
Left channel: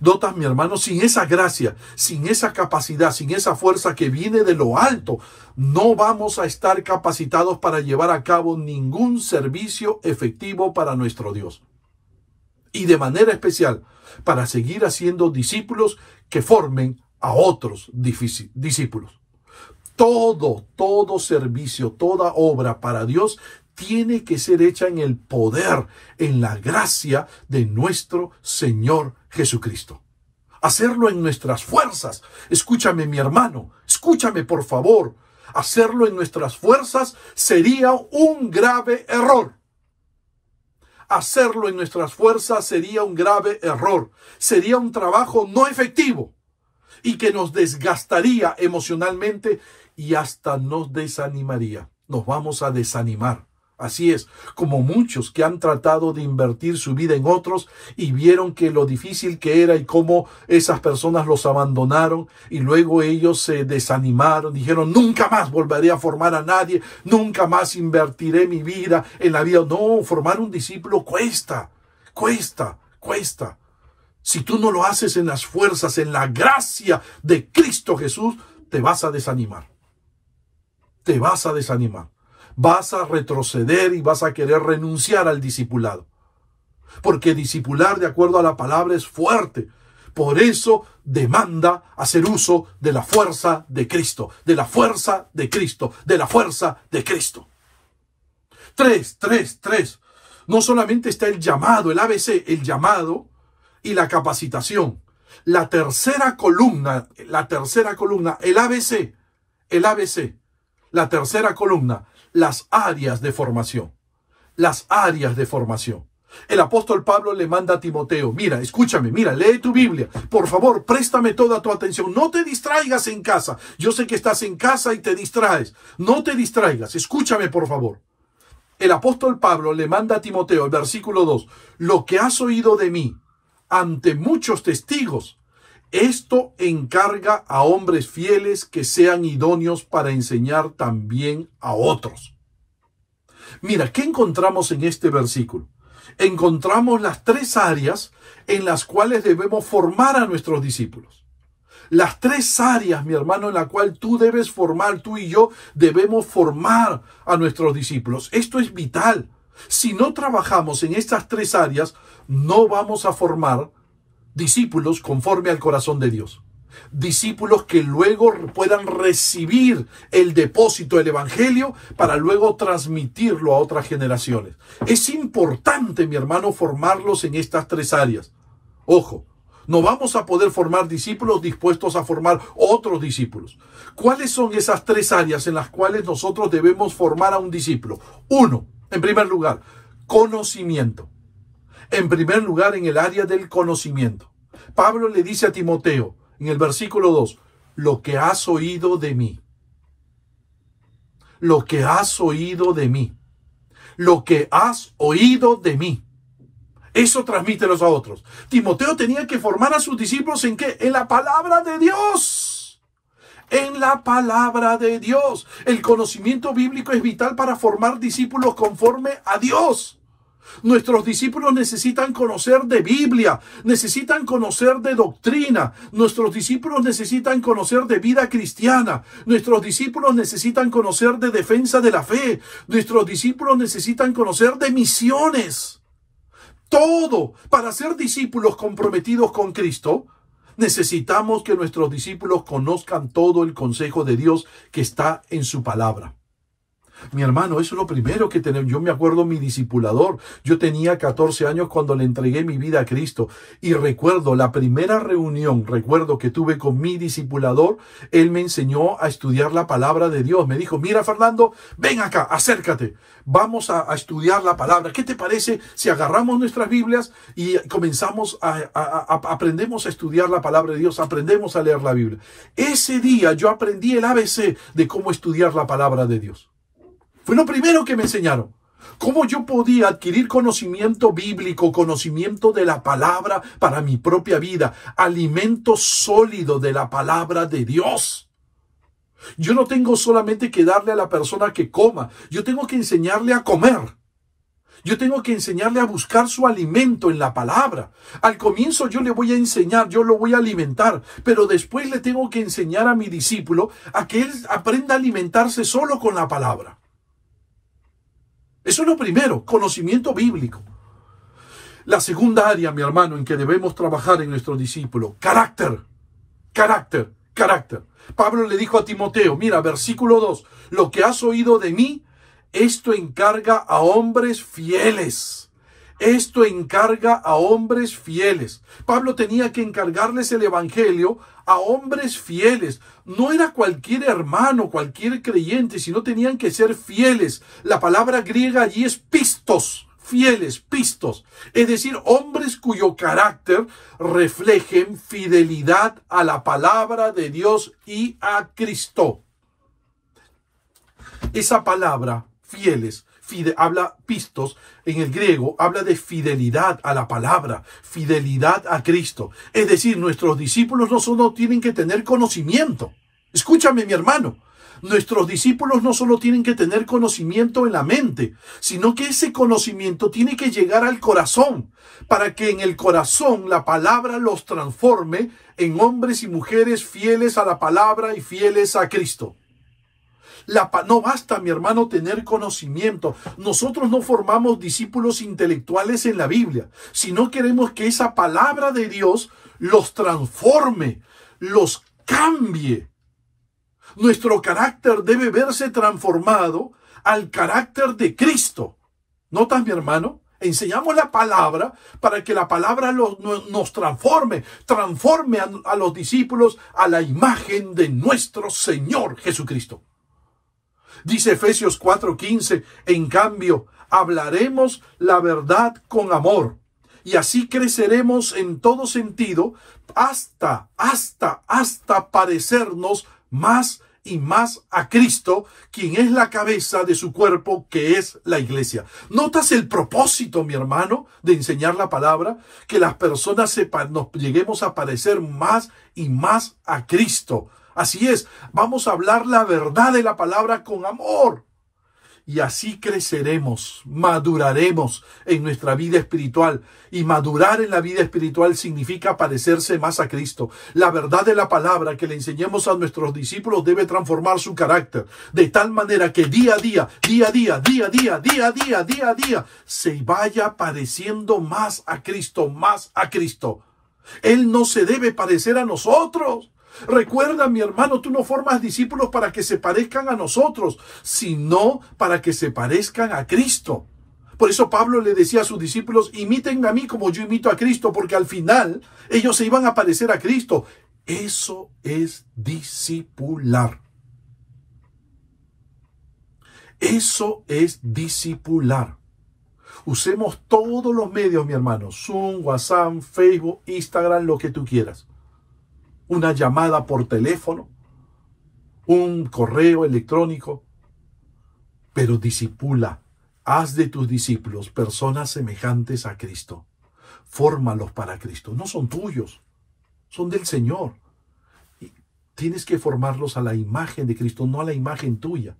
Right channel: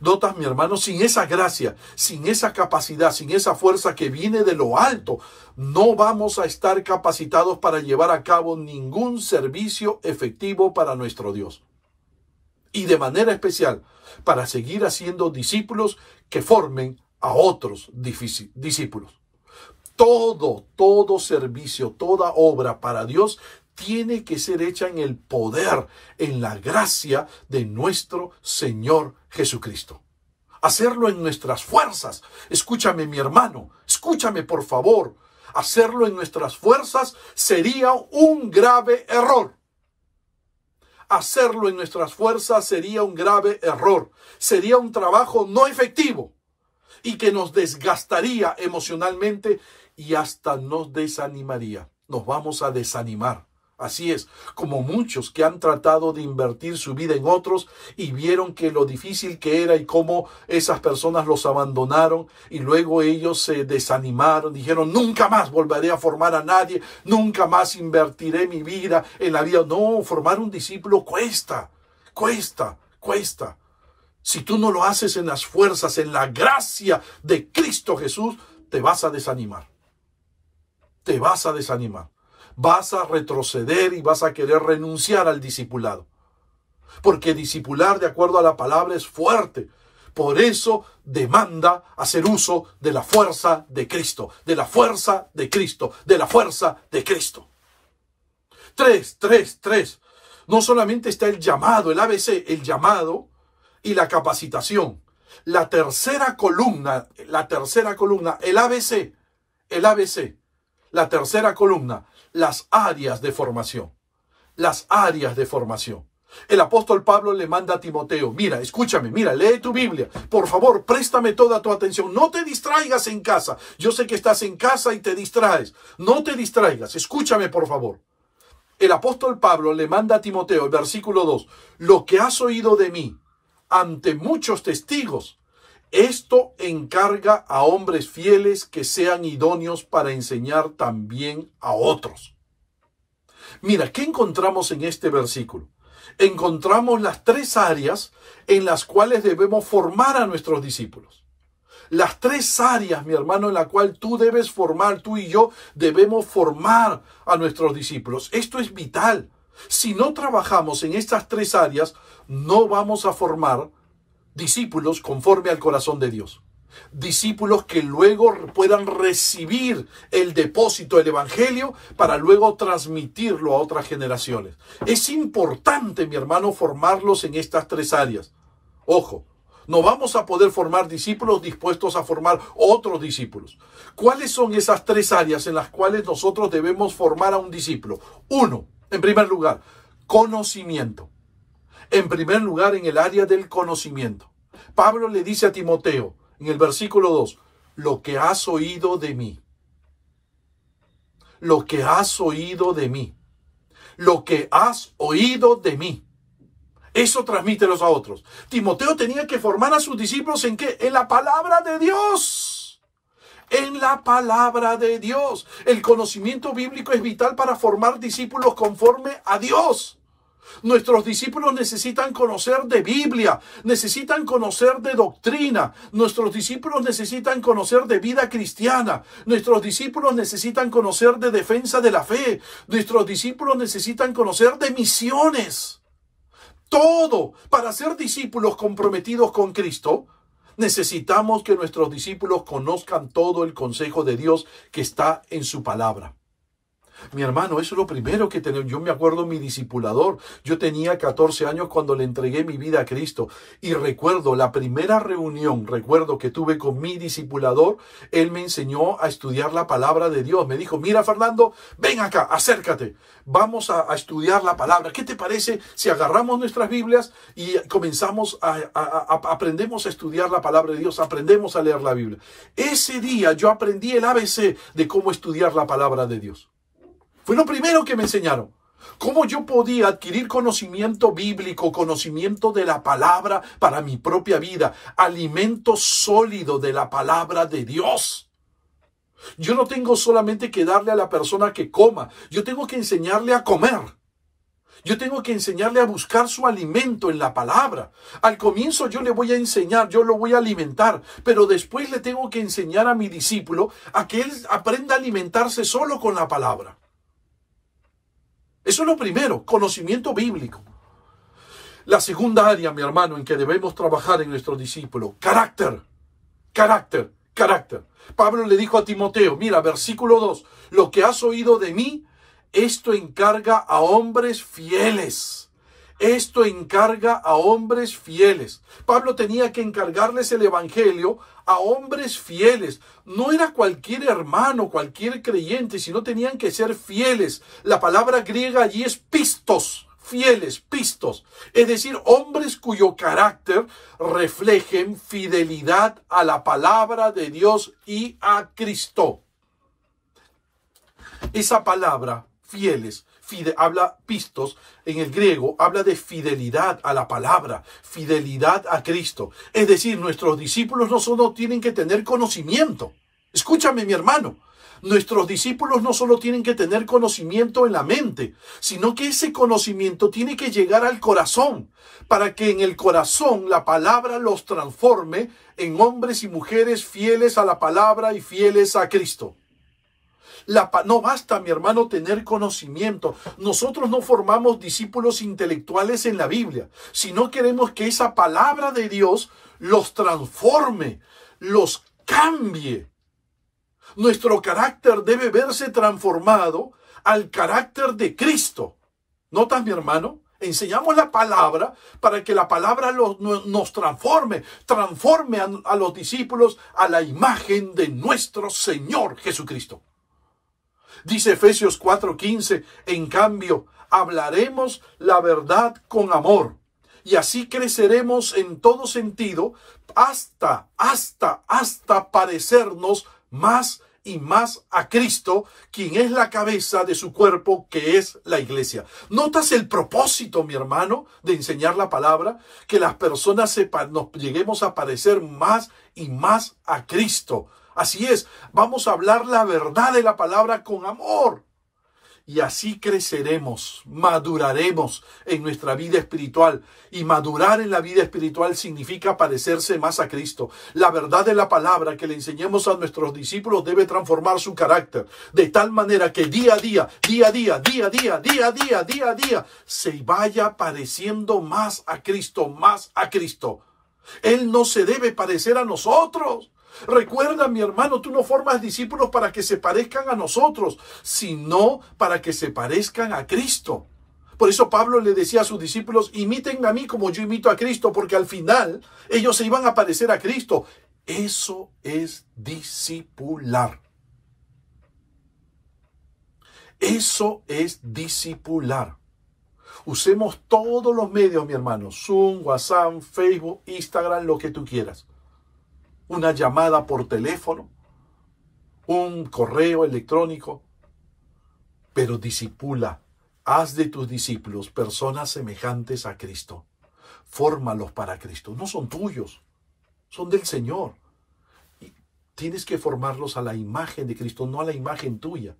Notas, mi hermano, sin esa gracia, sin esa capacidad, sin esa fuerza que viene de lo alto, no vamos a estar capacitados para llevar a cabo ningún servicio efectivo para nuestro Dios. Y de manera especial, para seguir haciendo discípulos que formen a otros discípulos. Todo servicio, toda obra para Dios tiene que ser hecha en el poder, en la gracia de nuestro Señor Jesucristo. Hacerlo en nuestras fuerzas. Escúchame, mi hermano, escúchame por favor. Hacerlo en nuestras fuerzas sería un grave error. Hacerlo en nuestras fuerzas sería un grave error. Sería un trabajo no efectivo y que nos desgastaría emocionalmente y hasta nos desanimaría. Nos vamos a desanimar. Así es, como muchos que han tratado de invertir su vida en otros y vieron que lo difícil que era y cómo esas personas los abandonaron y luego ellos se desanimaron, dijeron nunca más volveré a formar a nadie, nunca más invertiré mi vida en la vida. No, formar un discípulo cuesta. Si tú no lo haces en las fuerzas, en la gracia de Cristo Jesús, te vas a desanimar. Vas a retroceder y vas a querer renunciar al discipulado. Porque discipular, de acuerdo a la palabra, es fuerte. Por eso demanda hacer uso de la fuerza de Cristo. De la fuerza de Cristo. De la fuerza de Cristo. 3. No solamente está el llamado, el ABC, el llamado y la capacitación. La tercera columna, el ABC. La tercera columna, las áreas de formación. El apóstol Pablo le manda a Timoteo, mira, escúchame, lee tu Biblia. Por favor, préstame toda tu atención. No te distraigas en casa. Yo sé que estás en casa y te distraes. No te distraigas. Escúchame, por favor. El apóstol Pablo le manda a Timoteo, el versículo 2, lo que has oído de mí ante muchos testigos, esto encarga a hombres fieles que sean idóneos para enseñar también a otros. Mira, ¿qué encontramos en este versículo? Encontramos las 3 áreas en las cuales debemos formar a nuestros discípulos. Las 3 áreas, mi hermano, en las cuales tú debes formar, tú y yo debemos formar a nuestros discípulos. Esto es vital. Si no trabajamos en estas 3 áreas, no vamos a formar discípulos conforme al corazón de Dios. Discípulos que luego puedan recibir el depósito del evangelio para luego transmitirlo a otras generaciones. Es importante, mi hermano, formarlos en estas 3 áreas. Ojo, no vamos a poder formar discípulos dispuestos a formar otros ¿Cuáles son esas 3 áreas en las cuales nosotros debemos formar a un discípulo? 1. En primer lugar, conocimiento. En primer lugar, en el área del conocimiento. Pablo le dice a Timoteo, en el versículo 2, lo que has oído de mí. Lo que has oído de mí. Lo que has oído de mí. Eso transmítelos a otros. Timoteo tenía que formar a sus discípulos ¿en qué? En la palabra de Dios. En la palabra de Dios. El conocimiento bíblico es vital para formar discípulos conforme a Dios. Nuestros discípulos necesitan conocer de Biblia, necesitan conocer de doctrina, nuestros discípulos necesitan conocer de vida cristiana, nuestros discípulos necesitan conocer de defensa de la fe, nuestros discípulos necesitan conocer de misiones. Todo para ser discípulos comprometidos con Cristo, necesitamos que nuestros discípulos conozcan todo el consejo de Dios que está en su palabra. Mi hermano, eso es lo primero que tenemos. Yo me acuerdo mi discipulador. Yo tenía 14 años cuando le entregué mi vida a Cristo. Y recuerdo la primera reunión, que tuve con mi discipulador. Él me enseñó a estudiar la palabra de Dios. Me dijo, mira Fernando, ven acá, acércate. Vamos a estudiar la palabra. ¿Qué te parece si agarramos nuestras Biblias y comenzamos aprendemos a estudiar la palabra de Dios? Aprendemos a leer la Biblia. Ese día yo aprendí el ABC de cómo estudiar la palabra de Dios. Fue lo primero que me enseñaron. Cómo yo podía adquirir conocimiento bíblico, conocimiento de la palabra para mi propia vida. Alimento sólido de la palabra de Dios. Yo no tengo solamente que darle a la persona que coma. Yo tengo que enseñarle a comer. Yo tengo que enseñarle a buscar su alimento en la palabra. Al comienzo yo le voy a enseñar, yo lo voy a alimentar, pero después le tengo que enseñar a mi discípulo a que él aprenda a alimentarse solo con la palabra. Eso es lo primero, conocimiento bíblico. La segunda área, mi hermano, en que debemos trabajar en nuestro discípulo, carácter. Pablo le dijo a Timoteo, mira, versículo 2, lo que has oído de mí, esto encarga a hombres fieles. Esto encarga a hombres fieles. Pablo tenía que encargarles el evangelio a hombres fieles. No era cualquier hermano, cualquier creyente, sino tenían que ser fieles. La palabra griega allí es pistos, fieles, pistos. Es decir, hombres cuyo carácter reflejen fidelidad a la palabra de Dios y a Cristo. Esa palabra, fieles, habla pistos, en el griego habla de fidelidad a la palabra, fidelidad a Cristo. Es decir, nuestros discípulos no solo tienen que tener conocimiento. Escúchame, mi hermano. Nuestros discípulos no solo tienen que tener conocimiento en la mente, sino que ese conocimiento tiene que llegar al corazón, para que en el corazón la palabra los transforme en hombres y mujeres fieles a la palabra y fieles a Cristo. No basta, mi hermano, tener conocimiento. Nosotros no formamos discípulos intelectuales en la Biblia, sino queremos que esa palabra de Dios los transforme, los cambie. Nuestro carácter debe verse transformado al carácter de Cristo. ¿Notas, mi hermano? Enseñamos la palabra para que la palabra nos transforme a los discípulos a la imagen de nuestro Señor Jesucristo. Dice Efesios 4:15, en cambio, hablaremos la verdad con amor, y así creceremos en todo sentido hasta parecernos más y más a Cristo, quien es la cabeza de su cuerpo, que es la iglesia. ¿Notas el propósito, mi hermano, de enseñar la palabra? Que las personas nos lleguemos a parecer más y más a Cristo. Así es, vamos a hablar la verdad de la palabra con amor. Y así creceremos, maduraremos en nuestra vida espiritual. Y madurar en la vida espiritual significa parecerse más a Cristo. La verdad de la palabra que le enseñemos a nuestros discípulos debe transformar su carácter. De tal manera que día a día, se vaya pareciendo más a Cristo, más a Cristo. Él no se debe parecer a nosotros. Recuerda, mi hermano, tú no formas discípulos para que se parezcan a nosotros, sino para que se parezcan a Cristo. Por eso Pablo le decía a sus discípulos, imítenme a mí como yo imito a Cristo, porque al final ellos se iban a parecer a Cristo. Eso es discipular. Eso es discipular. Usemos todos los medios, mi hermano. Zoom, WhatsApp, Facebook, Instagram, lo que tú quieras. Una llamada por teléfono, un correo electrónico. Pero discipula. Haz de tus discípulos personas semejantes a Cristo. Fórmalos para Cristo. No son tuyos, son del Señor. Y tienes que formarlos a la imagen de Cristo, no a la imagen tuya.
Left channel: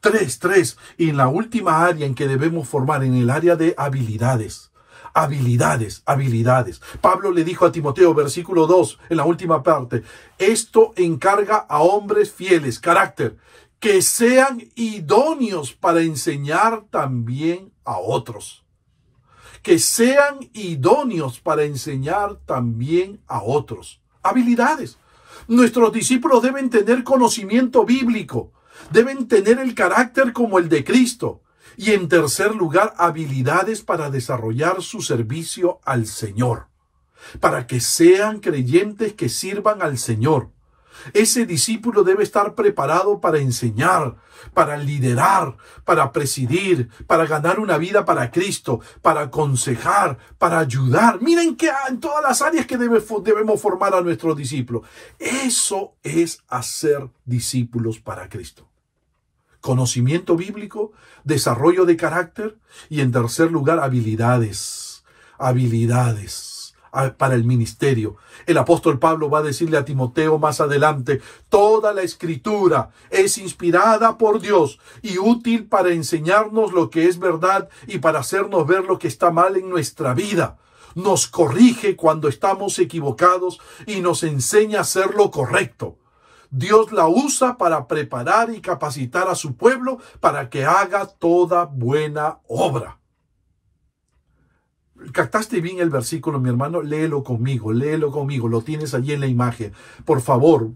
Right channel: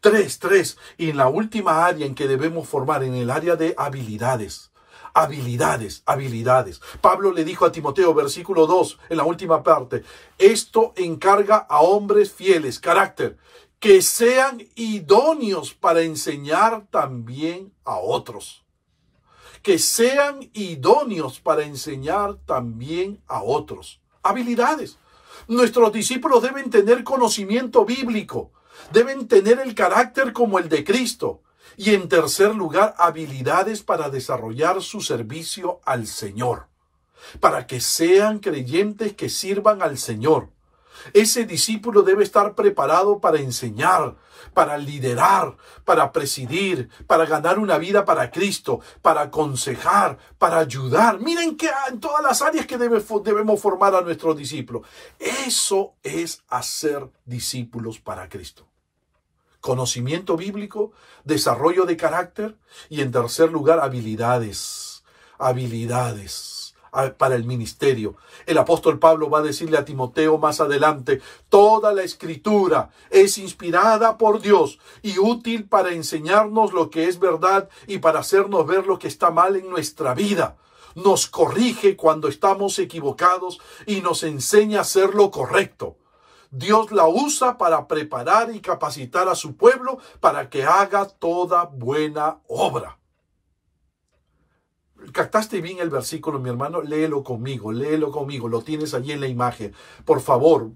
Tres. Y en la última área en que debemos formar, en el área de habilidades. Habilidades. Pablo le dijo a Timoteo, versículo 2, en la última parte, esto encarga a hombres fieles, carácter, que sean idóneos para enseñar también a otros. Que sean idóneos para enseñar también a otros. Habilidades. Nuestros discípulos deben tener conocimiento bíblico. Deben tener el carácter como el de Cristo. Y en tercer lugar, habilidades para desarrollar su servicio al Señor. Para que sean creyentes que sirvan al Señor. Ese discípulo debe estar preparado para enseñar, para liderar, para presidir, para ganar una vida para Cristo, para aconsejar, para ayudar. Miren que en todas las áreas que debemos formar a nuestros discípulos. Eso es hacer discípulos para Cristo. Conocimiento bíblico, desarrollo de carácter y en tercer lugar habilidades para el ministerio. El apóstol Pablo va a decirle a Timoteo más adelante, toda la escritura es inspirada por Dios y útil para enseñarnos lo que es verdad y para hacernos ver lo que está mal en nuestra vida. Nos corrige cuando estamos equivocados y nos enseña a hacer lo correcto. Dios la usa para preparar y capacitar a su pueblo para que haga toda buena obra. ¿Captaste bien el versículo, mi hermano? Léelo conmigo, lo tienes allí en la imagen. Por favor,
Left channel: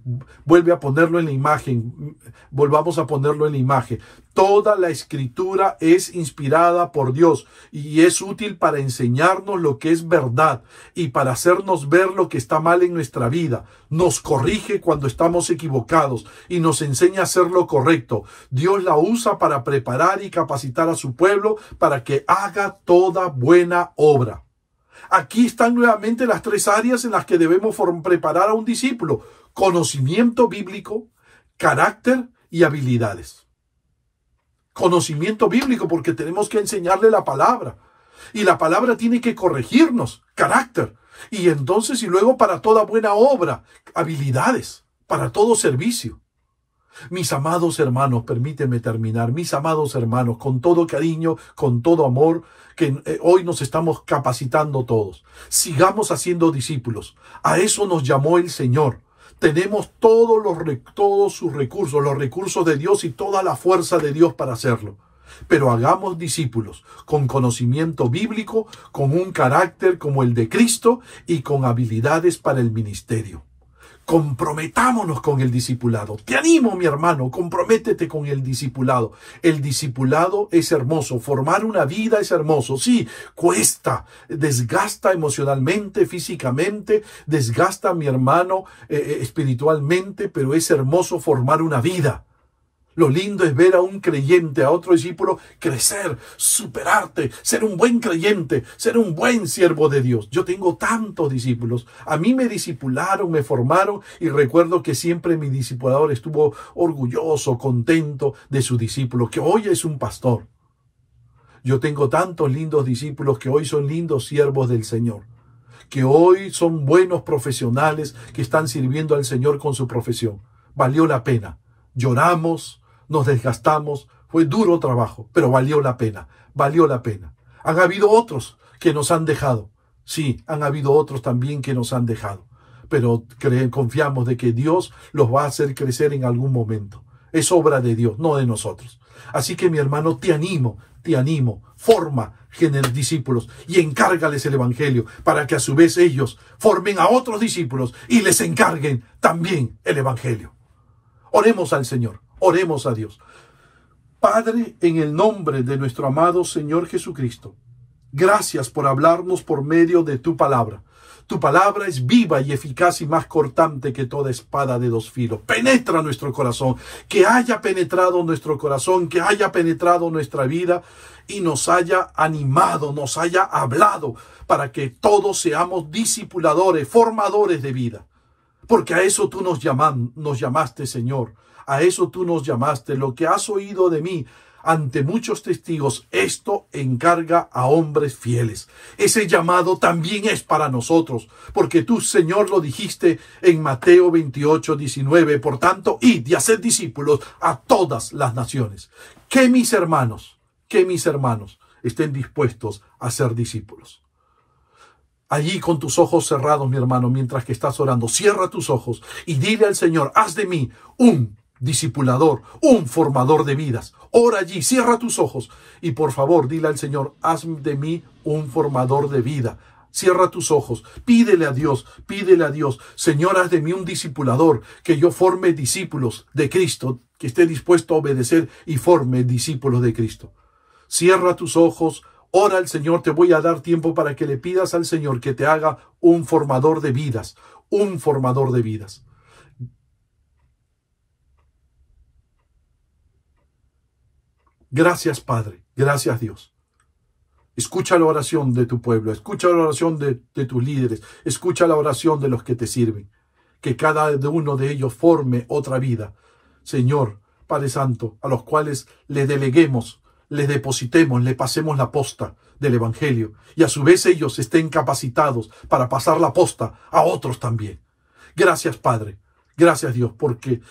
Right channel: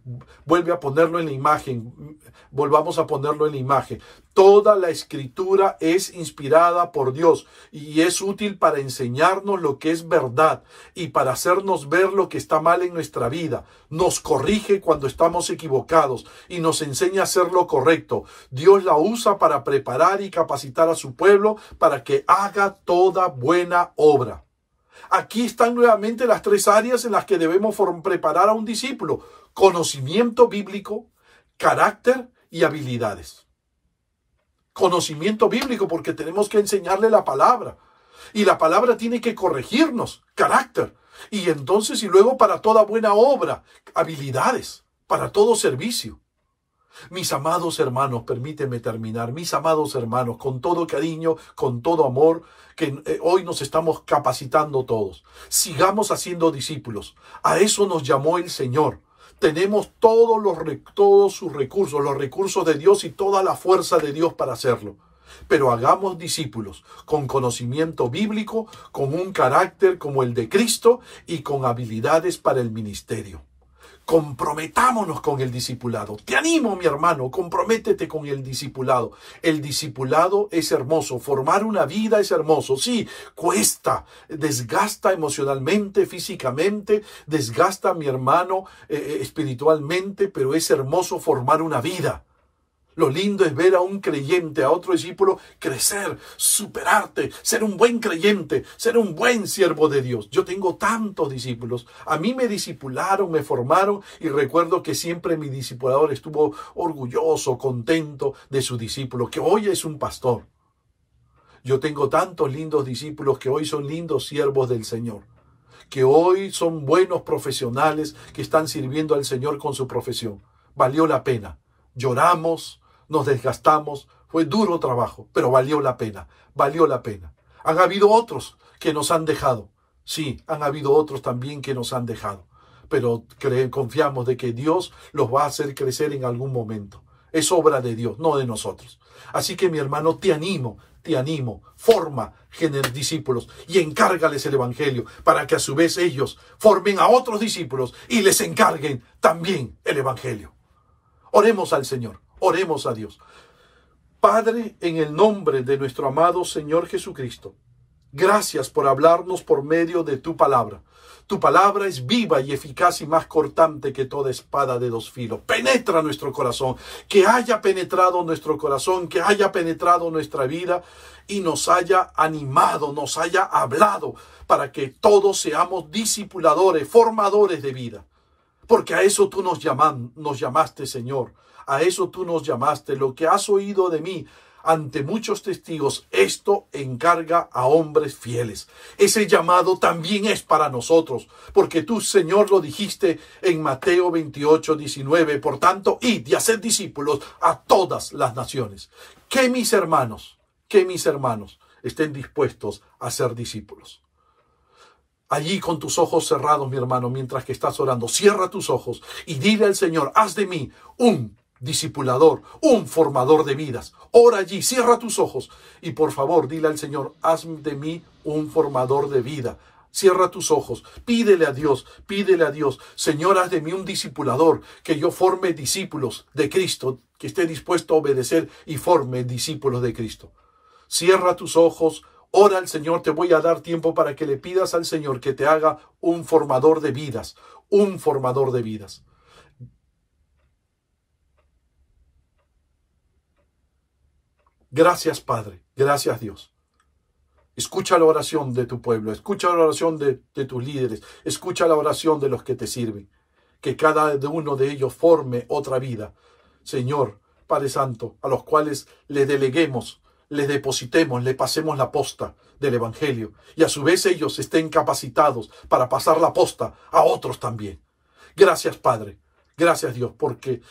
vuelve a ponerlo en la imagen, volvamos a ponerlo en la imagen. Toda la escritura es inspirada por Dios y es útil para enseñarnos lo que es verdad y para hacernos ver lo que está mal en nuestra vida. Nos corrige cuando estamos equivocados y nos enseña a hacer lo correcto. Dios la usa para preparar y capacitar a su pueblo para que haga toda buena obra. Aquí están nuevamente las tres áreas en las que debemos preparar a un discípulo. Conocimiento bíblico, carácter y habilidades. Conocimiento bíblico porque tenemos que enseñarle la palabra. Y la palabra tiene que corregirnos. Carácter. Y entonces y luego para toda buena obra. Habilidades. Para todo servicio. Mis amados hermanos, permítanme terminar. Mis amados hermanos, con todo cariño, con todo amor, que hoy nos estamos capacitando todos. Sigamos haciendo discípulos. A eso nos llamó el Señor. Tenemos todos sus recursos, los recursos de Dios y toda la fuerza de Dios para hacerlo. Pero hagamos discípulos con conocimiento bíblico, con un carácter como el de Cristo y con habilidades para el ministerio. Comprometámonos con el discipulado. Te animo, mi hermano, comprométete con el discipulado. El discipulado es hermoso, formar una vida es hermoso. Sí, cuesta, desgasta emocionalmente, físicamente, desgasta, mi hermano, espiritualmente, pero es hermoso formar una vida. Lo lindo es ver a un creyente, a otro discípulo, crecer, superarte, ser un buen creyente, ser un buen siervo de Dios. Yo tengo tantos discípulos. A mí me discipularon, me formaron y recuerdo que siempre mi discipulador estuvo orgulloso, contento de su discípulo, que hoy es un pastor. Yo tengo tantos lindos discípulos que hoy son lindos siervos del Señor, que hoy son buenos profesionales que están sirviendo al Señor con su profesión. Valió la pena. Lloramos, nos desgastamos, fue duro trabajo, pero valió la pena, valió la pena. Han habido otros que nos han dejado, sí, han habido otros también que nos han dejado, pero confiamos de que Dios los va a hacer crecer en algún momento. Es obra de Dios, no de nosotros. Así que mi hermano, te animo, forma discípulos y encárgales el evangelio para que a su vez ellos formen a otros discípulos y les encarguen también el evangelio. Oremos al Señor, oremos a Dios. Padre, en el nombre de nuestro amado Señor Jesucristo, gracias por hablarnos por medio de tu palabra. Tu palabra es viva y eficaz y más cortante que toda espada de dos filos. Penetra nuestro corazón, que haya penetrado nuestro corazón, que haya penetrado nuestra vida y nos haya animado, nos haya hablado para que todos seamos discipuladores, formadores de vida. Porque a eso tú nos llamaste, Señor. A eso tú nos llamaste. Lo que has oído de mí ante muchos testigos, esto encarga a hombres fieles. Ese llamado también es para nosotros, porque tú, Señor, lo dijiste en Mateo 28:19. Por tanto, id y haced discípulos a todas las naciones. Que mis hermanos estén dispuestos a ser discípulos. Allí con tus ojos cerrados, mi hermano, mientras que estás orando, cierra tus ojos y dile al Señor, haz de mí un discipulador, un formador de vidas. Ora allí, cierra tus ojos y por favor dile al Señor, haz de mí un formador de vida. Cierra tus ojos, pídele a Dios, Señor, haz de mí un discipulador, que yo forme discípulos de Cristo, que esté dispuesto a obedecer y forme discípulos de Cristo. Cierra tus ojos, ora al Señor, te voy a dar tiempo para que le pidas al Señor que te haga un formador de vidas, un formador de vidas. Gracias, Padre. Gracias, Dios. Escucha la oración de tu pueblo. Escucha la oración de tus líderes. Escucha la oración de los que te sirven. Que cada uno de ellos forme otra vida. Señor, Padre Santo, a los cuales le deleguemos, les depositemos, le pasemos la posta del Evangelio. Y a su vez ellos estén capacitados para pasar la posta a otros también. Gracias, Padre. Gracias, Dios,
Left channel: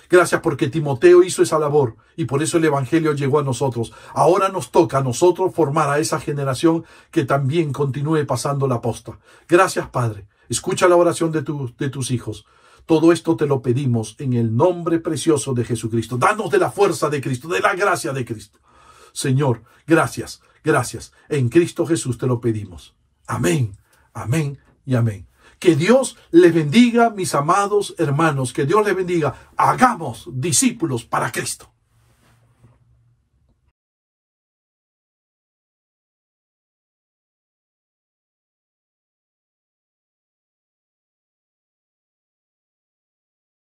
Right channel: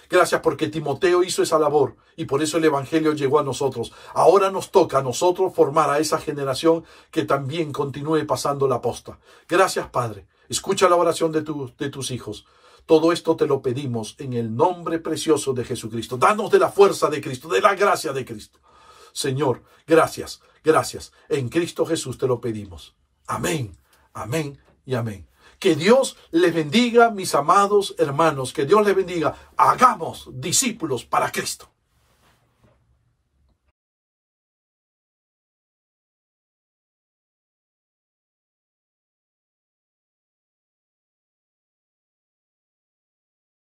gracias porque Timoteo hizo esa labor y por eso el Evangelio llegó a nosotros. Ahora nos toca a nosotros formar a esa generación que también continúe pasando la posta. Gracias, Padre. Escucha la oración de tus hijos. Todo esto te lo pedimos en el nombre precioso de Jesucristo. Danos de la fuerza de Cristo, de la gracia de Cristo. Señor, gracias, gracias. En Cristo Jesús te lo pedimos. Amén, amén y amén. Que Dios les bendiga, mis amados hermanos. Que Dios les bendiga. Hagamos discípulos para Cristo.